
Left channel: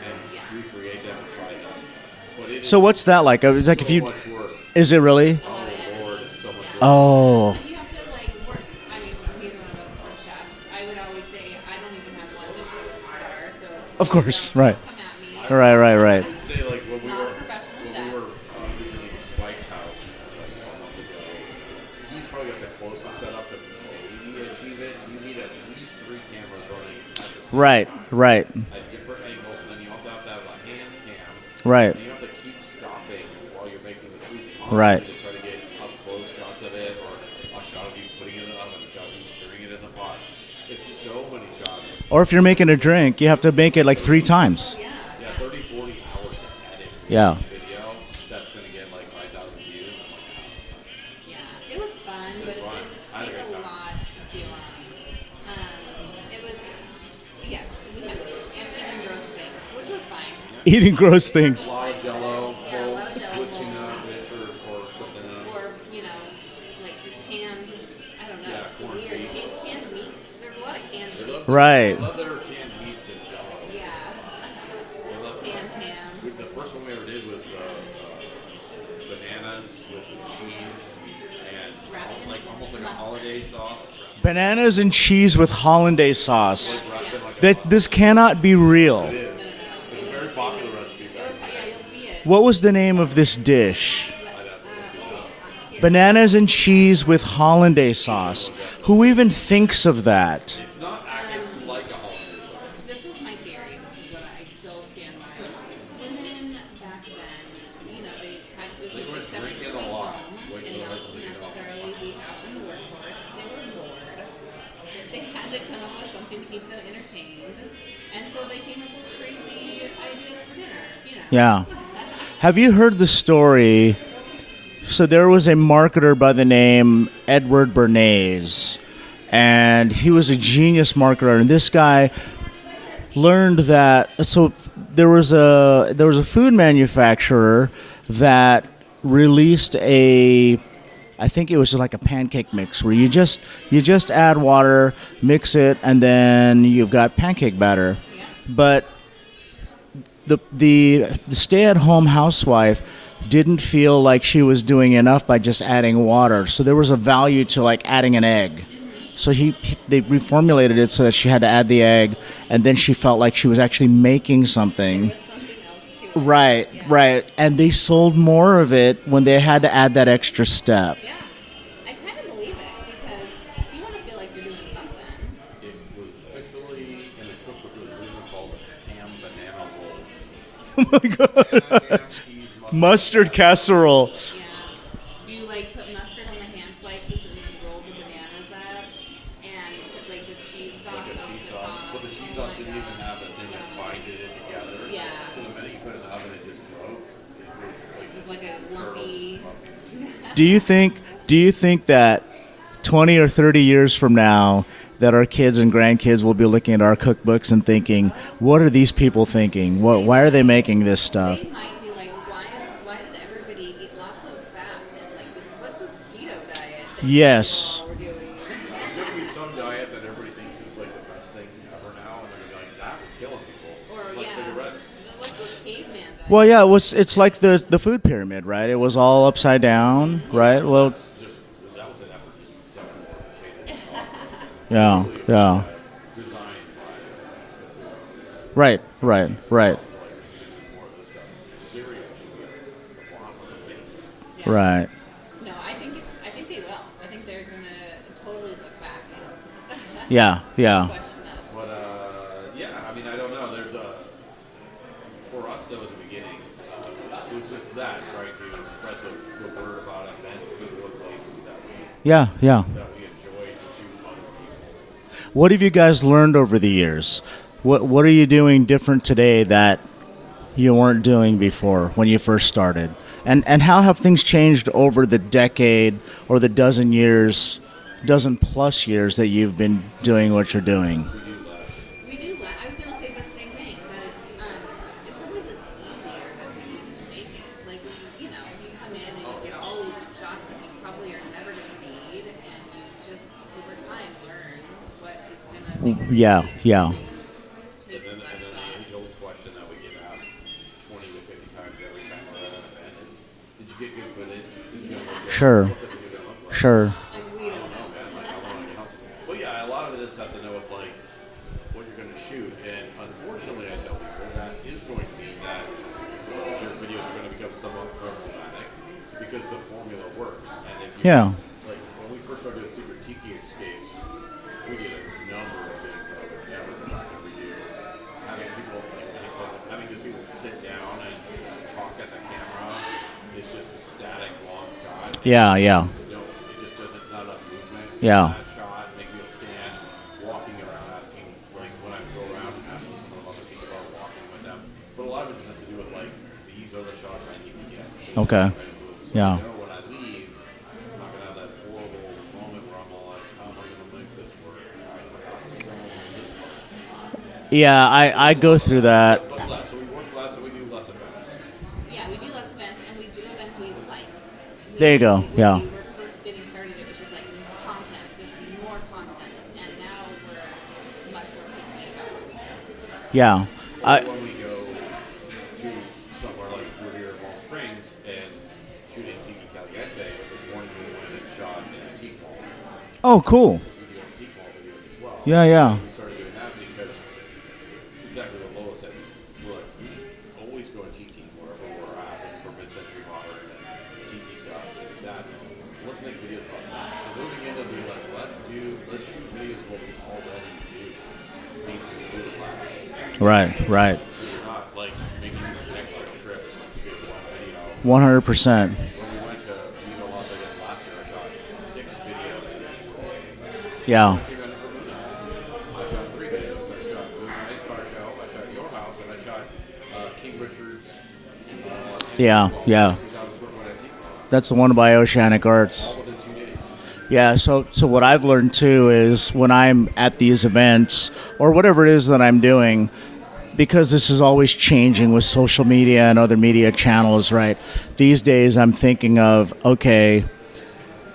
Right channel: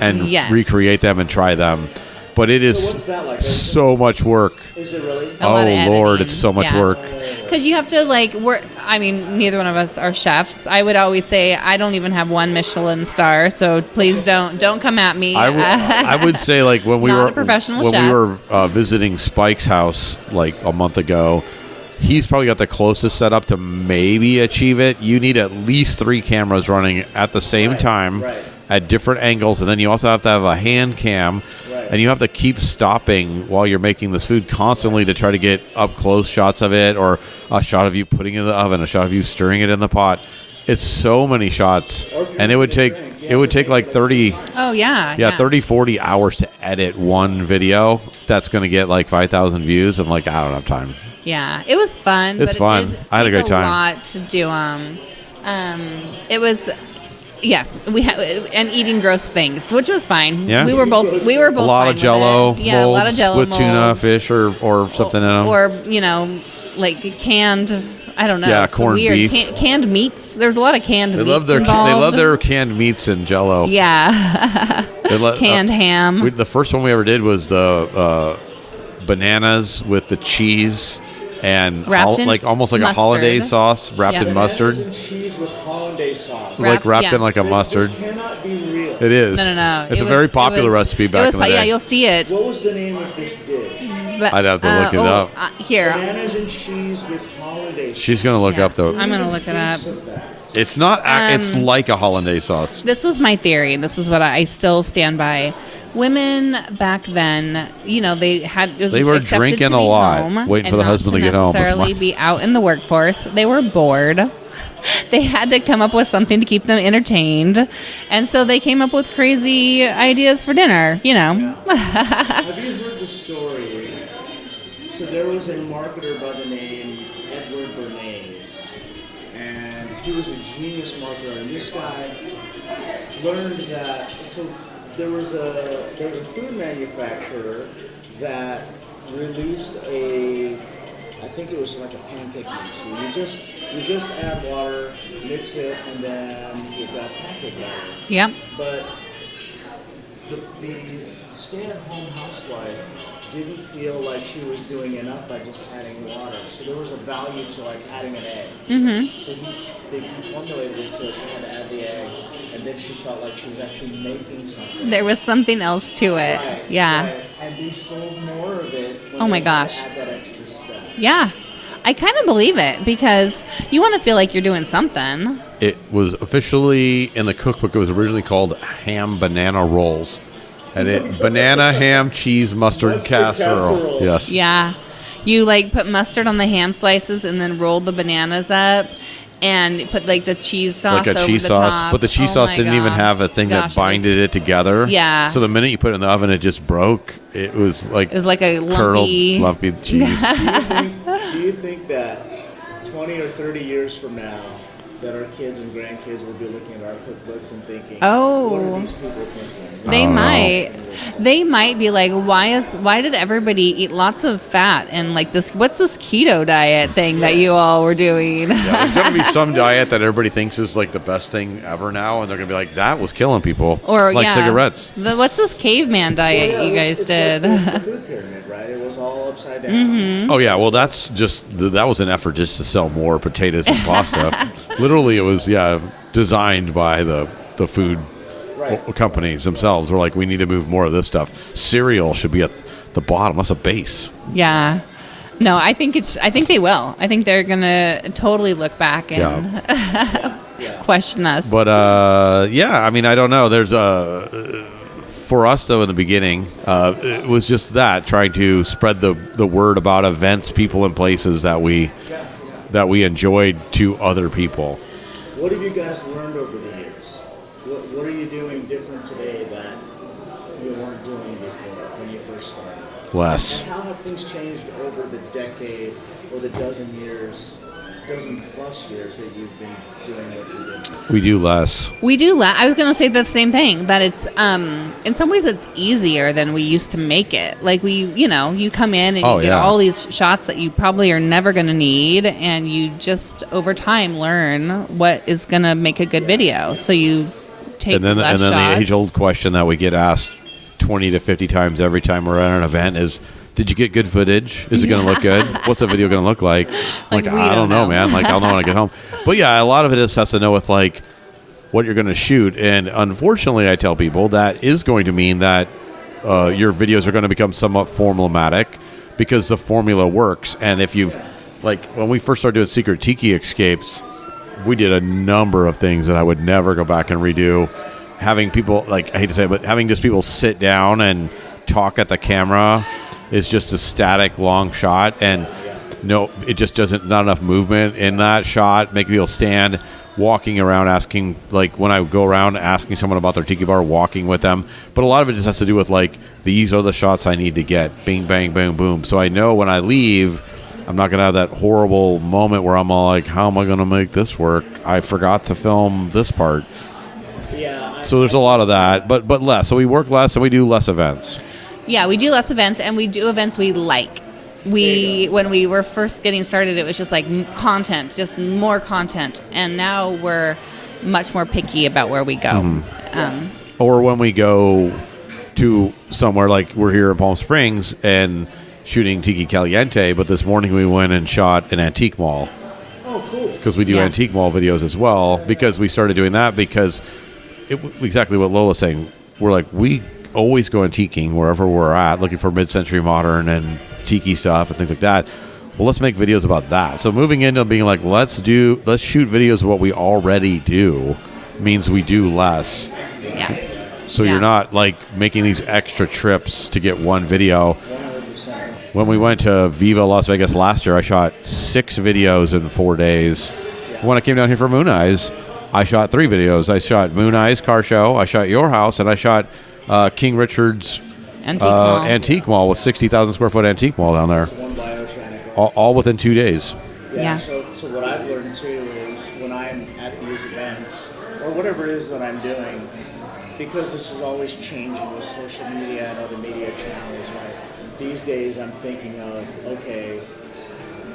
and recreate them and try them. But it is so what's that like? So much work. Is it really? A lot of Lord, editing. it's so much work. Oh. Because you have to neither one of us are chefs. I would always say I don't even have one Michelin star, so please don't come at me. I would say like when we Not were a professional when chef. we were visiting Spike's house like a month ago. He's probably got the closest setup to maybe achieve it. You need at least 3 cameras running at the same time, at different angles, and then you also have to have a hand cam, and you have to keep stopping while you're making this food constantly to try to get up close shots of it, or a shot of you putting it in the oven, a shot of you stirring it in the pot. It's so many shots. Or if you're making a drink, you have to make it like 30 times. Oh, yeah. 30-40 hours to edit one video. That's going to get like 5,000 views. I'm like, I don't have time. Yeah, it was fun. It's fun. It did I had a great time. A lot to do. It was, we had and eating gross things, which was fine. Yeah, we were both. gross We were things. both a lot fine of Jello with it. Yeah, a lot of Jello with tuna, molds. fish, or something in them. Or like canned. I don't know. Yeah, some corned weird beef. Canned meats. There's a lot of canned They meats. love their involved. they love their canned meats and Jello. Yeah. Canned ham. The first one we ever did was the bananas with the cheese and Wrapped in almost like mustard. a hollandaise sauce wrapped in Bananas mustard. and cheese with hollandaise sauce. Like wrapped in like a mustard. This cannot be real. It is. No. It's a very popular recipe back in the day. Yeah, you'll see it. What was the name of this dish? I'd have to look it up. Here. Bananas and cheese with hollandaise sauce. She's going to look up, though. Who I'm even gonna look it thinks up. of that? It's not. It's like a hollandaise sauce. This was my theory. This is what I still stand by. Women back then, they were were drinking a lot, waiting for the husband to get home. Not necessarily be out in the workforce. They were bored. They had to come up with something to keep them entertained, and so they came up with crazy ideas for dinner. Yeah. Have you heard the story? So there was a marketer by the name Edward Bernays, and he was a genius marketer. And this guy learned that. So there was a food manufacturer that released I think it was like a pancake mix where you just add water, mix it, and then you've got pancake batter. Yep. But the stay-at-home housewife didn't feel like she was doing enough by just adding water. So there was a value to like adding an egg. Mm-hmm. So they reformulated it so that she had to add the egg, and then she felt like she was actually making something. There was something else to it. Right. Yeah. Right. And they sold more of it when they had gosh. to add that extra step. Yeah. I kind of believe it because you want to feel like you're doing something. It was officially in the cookbook. It was originally called ham banana rolls. And banana, ham, cheese, mustard casserole. Yes. Yeah. You put mustard on the ham slices and then roll the bananas up and put the cheese sauce like a over cheese the sauce. top. But the cheese sauce didn't even have a thing that binded it together. Yeah. So the minute you put it in the oven, it just broke. It was like a lumpy, lumpy cheese. Do you think that 20 or 30 years from now that our kids and grandkids will be looking at our cookbooks and thinking, what are these people thinking? Why are they making this stuff? They might be like, why did everybody eat lots of fat and this? What's this keto diet thing that you all were doing? Yeah, there's going to be some diet that everybody thinks is the best thing ever now, and they're going to be like, that was killing people. Or cigarettes. What's this caveman diet? Well, yeah, it's like the food pyramid, right? It was all upside down. Mm-hmm. Oh, yeah, well, that's just, that was an effort just to sell more potatoes and pasta. Literally, it was designed by the food companies themselves. We're like, we need to move more of this stuff. Cereal should be at the bottom. That's a base. Yeah. Right. No, I think they will. I think they're gonna totally look back and question us. But I mean, I don't know. There's for us though in the beginning, it was just trying to spread the word about events, people, and places that we enjoyed to other people. What have you guys learned over the years? What are you doing different today that you weren't doing before when you first started? Less. And how have things changed over the decade or the dozen plus years that you've been doing what you're doing? We do less. I was going to say the same thing, that it's in some ways it's easier than we used to make it. You come in and you get all these shots that you probably are never going to need, and you just over time learn what is going to make a good video. Yeah. So you take less shots. The age-old question that we get asked 20 to 50 times every time we're at an event is, did you get good footage? Is it going to look good? Sure. What's the video going to look like? Sure. I don't know, man. I'll know when I get home. But yeah, a lot of it has to know with what you're going to shoot. And unfortunately, I tell people that is going to mean that your videos are going to become somewhat formulaic because the formula works. And if you, when we first started doing Secret Tiki Escapes, we did a number of things that I would never go back and redo. Having people, I hate to say it, but having just people sit down and talk at the camera is just a static long shot, and no, it just doesn't, not enough movement in that shot. Make people stand, walking around, asking, when I go around asking someone about their tiki bar, walking with them. But a lot of it just has to do with these are the shots I need to get, bing, bang, bang, boom. So I know when I leave, I'm not gonna have that horrible moment where I'm all how am I gonna make this work? I forgot to film this part. Yeah, so there's a lot of that. But less. So we work less and we do less events. Yeah, we do less events, and we do events we like. When we were first getting started, it was just content, just more content, and now we're much more picky about where we go. Mm-hmm. Or when we go to somewhere we're here in Palm Springs, and shooting Tiki Caliente, but this morning we went and shot an antique mall. Oh, cool. Because we do antique mall videos as well. Because we started doing that because exactly what Lola's saying. We're like, we always go antiquing wherever we're at, looking for mid-century modern and tiki stuff and things like that. Well, let's make videos about that. So moving into being like, let's shoot videos of what we already do means we do less. Right. So you're not like making these extra trips to get one video. 100%. When we went to Viva Las Vegas last year, I shot 6 videos in 4 days. Yeah. When I came down here for Moon Eyes, I shot 3 videos. I shot Moon Eyes car show, I shot your house, and I shot King Richard's antique mall with 60,000 square foot antique mall down there. That's the one by Oceanic Arts. All within 2 days. Yeah, so what I've learned too is when I'm at these events or whatever it is that I'm doing, because this is always changing with social media and other media channels, right? These days I'm thinking of, okay,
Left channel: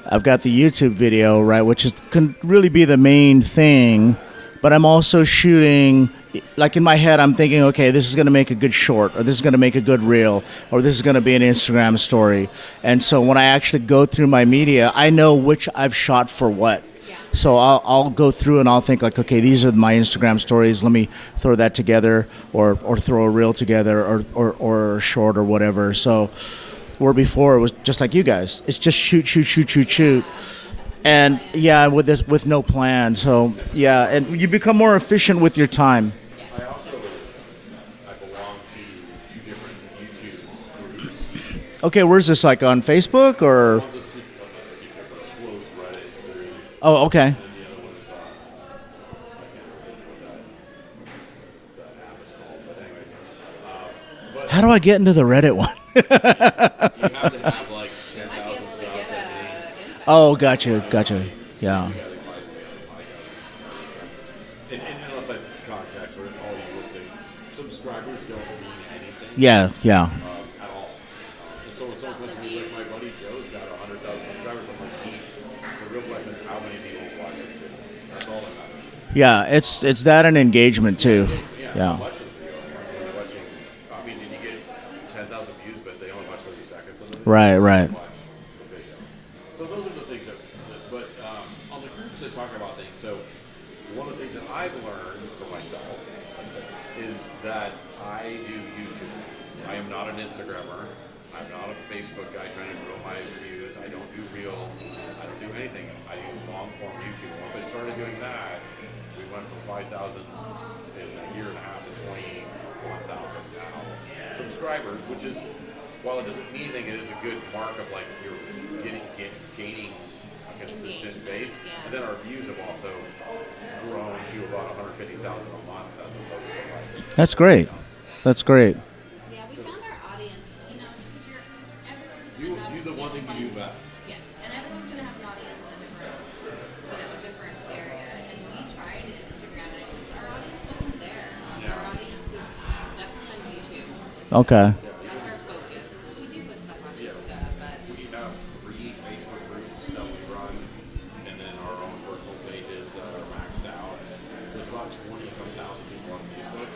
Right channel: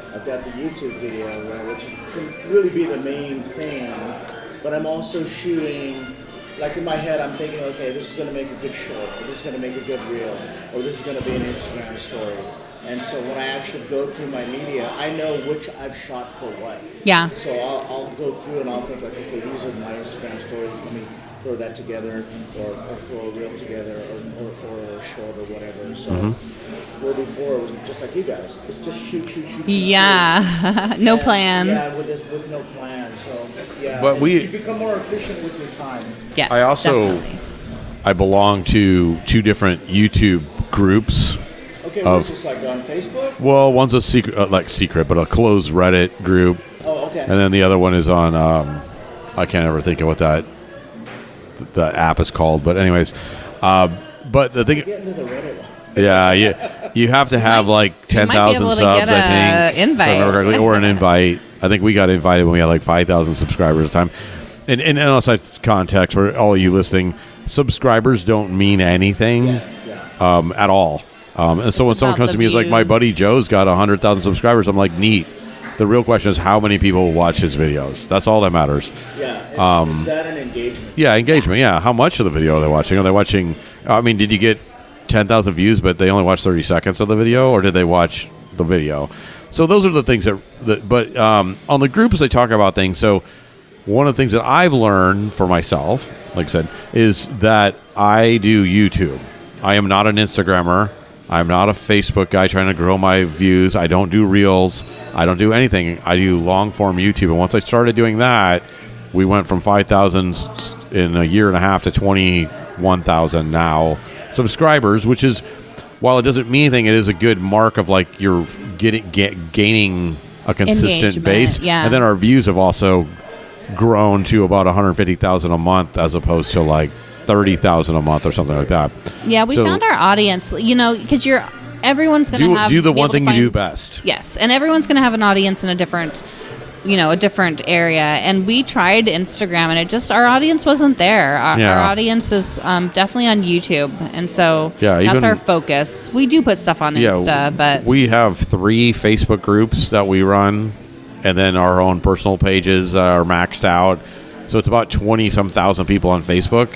I've got the YouTube video, right, which can really be the main thing, but I'm also shooting, like in my head I'm thinking, okay, this is going to make a good short, or this is going to make a good reel, or this is going to be an Instagram story. And so when I actually go through my media, I know which I've shot for what. Yeah. So I'll go through and I'll think like, okay, these are my Instagram stories. Let me throw that together, or throw a reel together, or a short or whatever. So where before it was just like you guys, it's just shoot. Yeah. No plan. Yeah, with no plan. So yeah, But and you become more efficient with your time. Yes. I also definitely. I belong to 2 different YouTube groups. Okay, where's this, like on Facebook or? Well, one's a secret, but a closed Reddit group. Oh, okay. And then the other one is on, I can't ever think of what the app is called. But anyways, but how do I get into the Reddit one? Yeah, you have to have like 10,000 subs, I think. Invite. Or an invite. Gotcha. I think we got invited when we had like 5,000 subscribers at the time. And outside context, for all of you listening, subscribers don't mean anything. Yeah. At all. And so when someone comes to me, it's like, my buddy Joe's got 100,000 subscribers. I'm like, neat. The real question is how many people watch his videos. That's all that matters. Yeah, it's that and engagement too. Yeah, engagement. Yeah. How much of the video are they watching? Are they watching? I mean, did you get 10,000 views, but they only watched 30 seconds of the video, or did they watch the video? So those are the things that. But on the groups, they talk about things. So one of the things that I've learned for myself, like I said, is that I do YouTube. I am not an Instagrammer. I'm not a Facebook guy trying to grow my views. I don't do reels. I don't do anything. I do long-form YouTube. And once I started doing that, we went from 5,000 in a year and a half to 21,000 now subscribers, which is, while it doesn't mean anything, it is a good mark of like you're gaining a consistent base. Yeah. And then our views have also grown to about 150,000 a month as opposed to like 30,000 a month or something like that. Yeah, we found our audience, because everyone's going to have do the one thing you do best. Yes, and everyone's going to have an audience in a different area. And we tried Instagram, and our audience wasn't there. Our audience is definitely on YouTube, and so that's our focus. We do put stuff on Insta, but we have 3 Facebook groups that we run. And then our own personal pages are maxed out. So it's about 20-some thousand people on Facebook.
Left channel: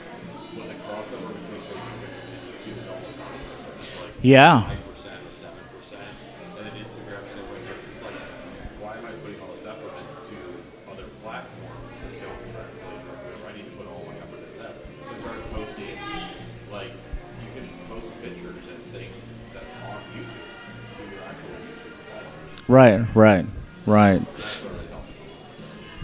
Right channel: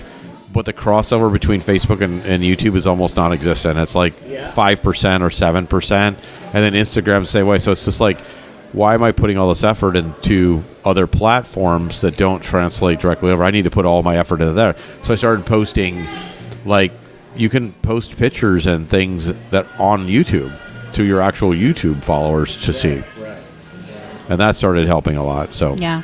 But the crossover between Facebook and YouTube is almost non-existent. It's like 5% or 7%. And then Instagram the same way. So it's just like, why am I putting all this effort into other platforms that don't translate directly over? I need to put all my effort into there. So I started posting, like, you can post pictures and things that on YouTube to your actual YouTube followers to see. Right. And that started helping a lot. So Do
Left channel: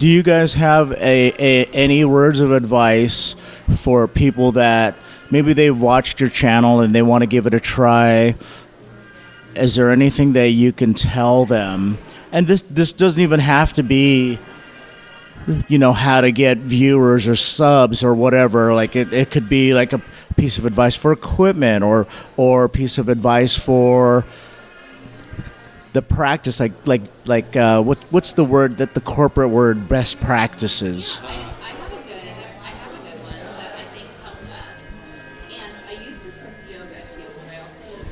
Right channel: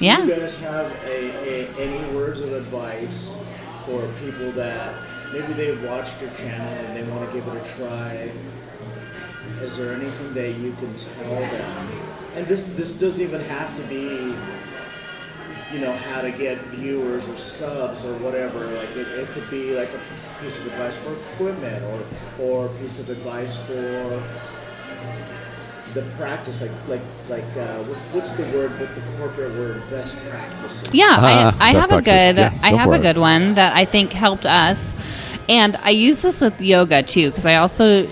you guys have any words of advice for people that maybe they've watched your channel and they want to give it a try? Is there anything that you can tell them? And this doesn't even have to be, how to get viewers or subs or whatever. Like it could be like a piece of advice for equipment or a piece of advice for the practice, what's the word, that the corporate word, best practices? Yeah, I have a good one that I think helped us, and I use this with yoga too, because I also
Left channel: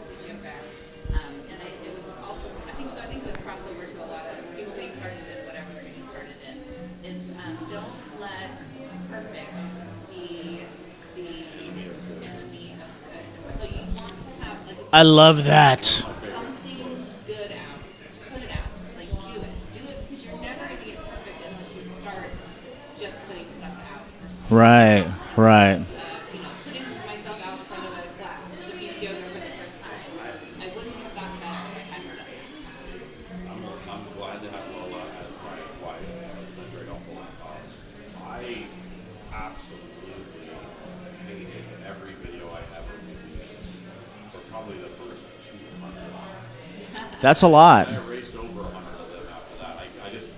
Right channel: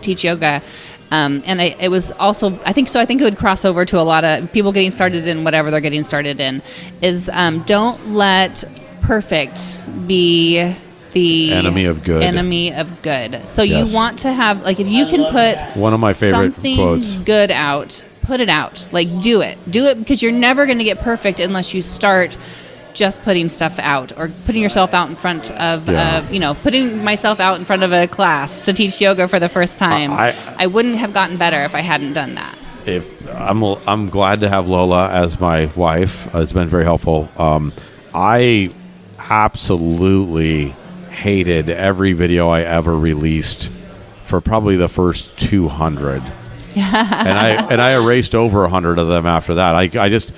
teach yoga, and it was also I think it would cross over to a lot of people getting started in whatever they're getting started in. Is don't let perfect be the enemy of good. Enemy of good. So Yes. you want to have, like, if you I can love put that. One of my favorite something quotes. good out, put it out. Like, do it because you're never going to get perfect unless you start just putting stuff out or putting yourself Right, out in front right. of putting myself out in front of a class to teach yoga for the first time. I wouldn't have gotten better if I hadn't done that. If I'm glad to have Lola as my wife. It's been very helpful. I absolutely hated every video I ever released for probably the first 200. That's a lot. And I erased over 100 of them after that. I just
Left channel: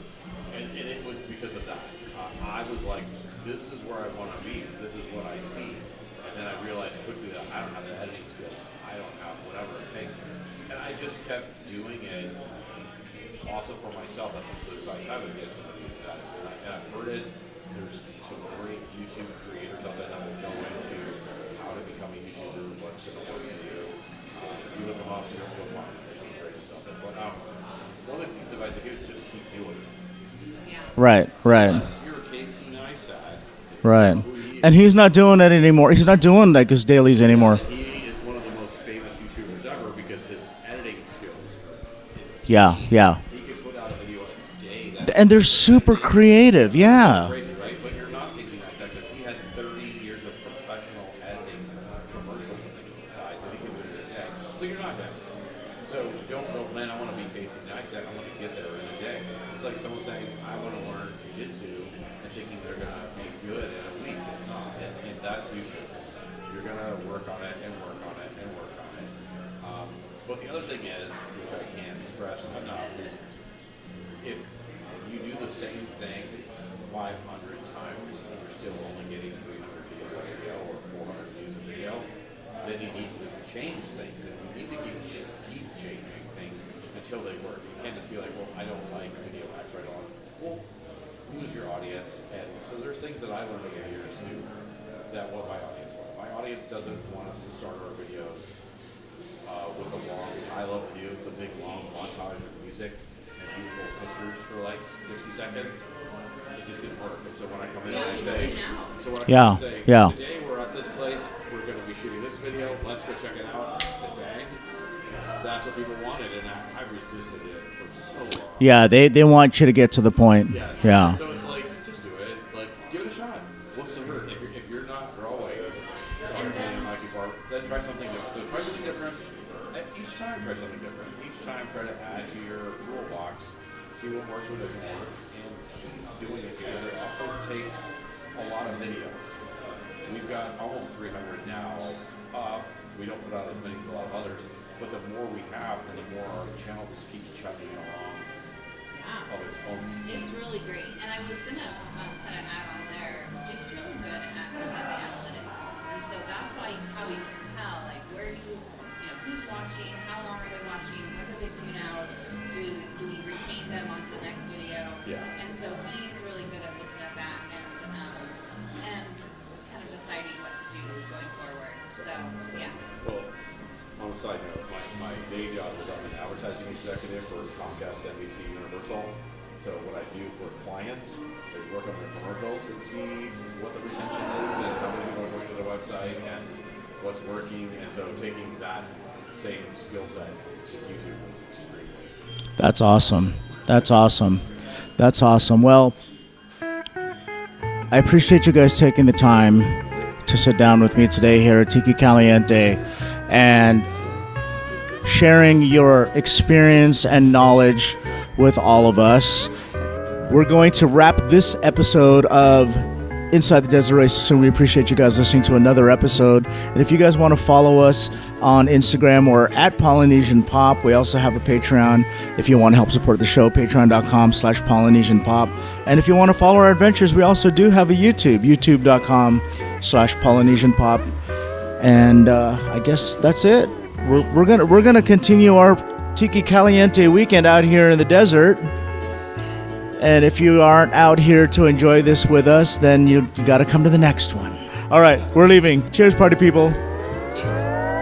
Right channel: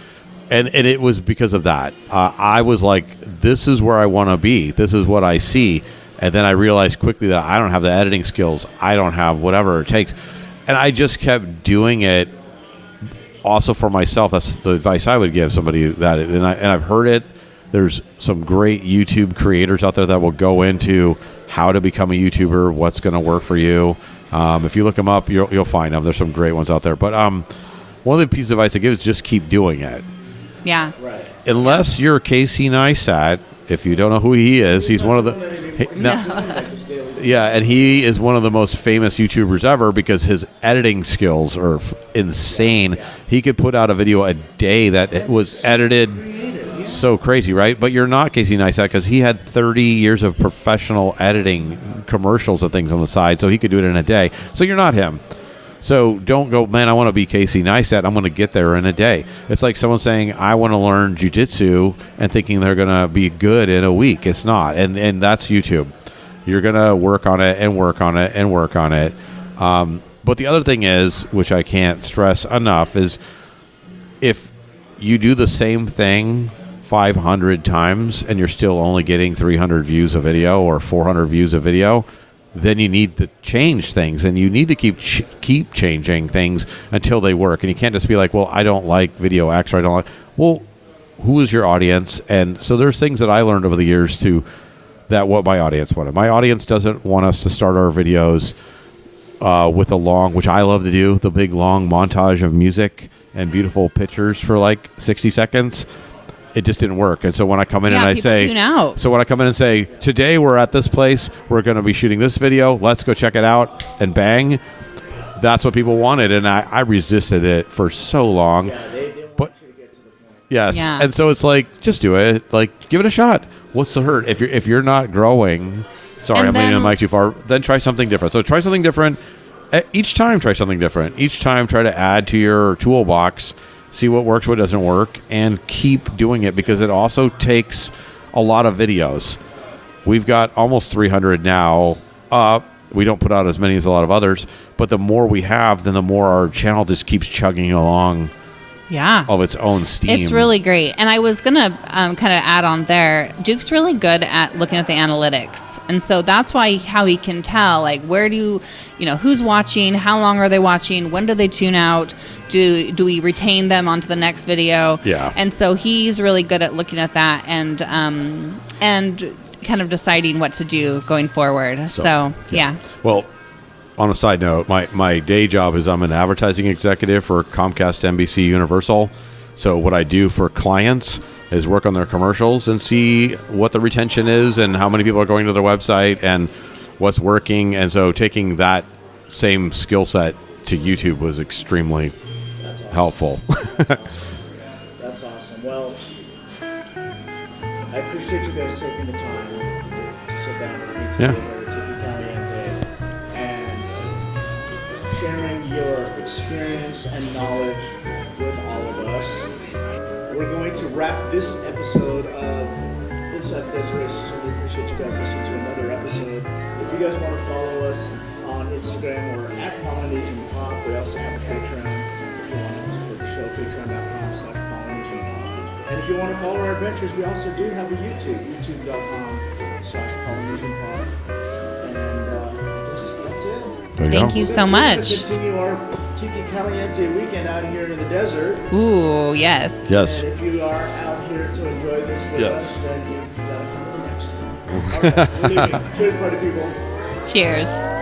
and it was because of that. I was like, this is where I want to be. This is what I see. And then I realized quickly that I don't have the editing skills. I don't have whatever it takes. And I just kept doing it also for myself. That's the advice I would give somebody that, and I've heard it. There's some great YouTube creators out there that will go into how to become a YouTuber, what's going to work for you. If you look them up, you'll find them. There's some great ones out there. But one of the pieces of advice I give is just keep doing it. Yeah. Right. Unless you're Casey Neistat, if you don't know who he is. And he's not one of doing it anymore. He's not doing like his dailies anymore. Yeah, and he is one of the most famous YouTubers ever because his editing skills are insane. Yeah. He could put out a video a day that and they're was super edited. creative. Yeah. So crazy, right? But you're not Casey Neistat because he had 30 years of professional editing commercials and things on the side, so he could do it in a day. So you're not him. So don't go, man, I want to be Casey Neistat. I'm going to get there in a day. It's like someone saying, I want to learn jiu-jitsu and thinking they're going to be good in a week. It's not. And that's YouTube. You're going to work on it and work on it and work on it. But the other thing is, which I can't stress enough, is if you do the same thing 500 times and you're still only getting 300 views a video or 400 views a video, then you need to change things, and you need to keep changing things until they work. And you can't just be like, well, I don't like video X, or I don't like. Well, who is your audience? And so there's things that I learned over the years too, that what my audience wanted. My audience doesn't want us to start our videos with a long, which I love to do, the big long montage of music and beautiful pictures for like 60 seconds. It just didn't work. And so when I come in and I say, so when I come in and say, today we're at this place, we're going to be shooting this video, let's go check it out, and bang, that's what people wanted. And I resisted it for so long. Yeah, they want you to get to the point. Yes. Yeah. And so it's like, just do it. Like, give it a shot. What's the hurt? If you're not growing, sorry, And I'm leaning then- the mic too far, then try something different. So try something different. Each time, try something different. Each time, try to add to your toolbox. See what works, what doesn't work, and keep doing it because it also takes a lot of videos. We've got almost 300 now. We don't put out as many as a lot of others, but the more we have, then the more our channel just keeps chugging along of its own steam. It's really great. And I was going to kind of add on there, Duke's really good at looking at the analytics. And so that's how he can tell, like, where do who's watching, how long are they watching, when do they tune out, do we retain them onto the next video? Yeah. And so he's really good at looking at that and kind of deciding what to do going forward. So yeah. Well, on a side note, my day job is I'm an advertising executive for Comcast, NBC, Universal. So what I do for clients is work on their commercials and see what the retention is and how many people are going to their website and what's working. And so taking that same skill set to YouTube was extremely helpful. That's awesome. That's awesome. Well, I appreciate you guys taking the time to sit down with me today here at Tiki Caliente and sharing your experience and knowledge with all of us. We're going to wrap this episode of Inside the Desert Race soon. We appreciate you guys listening to another episode. And if you guys want to follow us on Instagram or at Polynesian Pop, we also have a Patreon. If you want to help support the show, patreon.com/Polynesian Pop. And if you want to follow our adventures, we also do have a YouTube, youtube.com/Polynesian Pop. And I guess that's it. Thank you so much. We're going to continue our Tiki Caliente weekend out here in the desert. Ooh, yes. And if you aren't out here to enjoy this with us, then you got to come to the next one. All right, we're leaving. Cheers, party people. Cheers.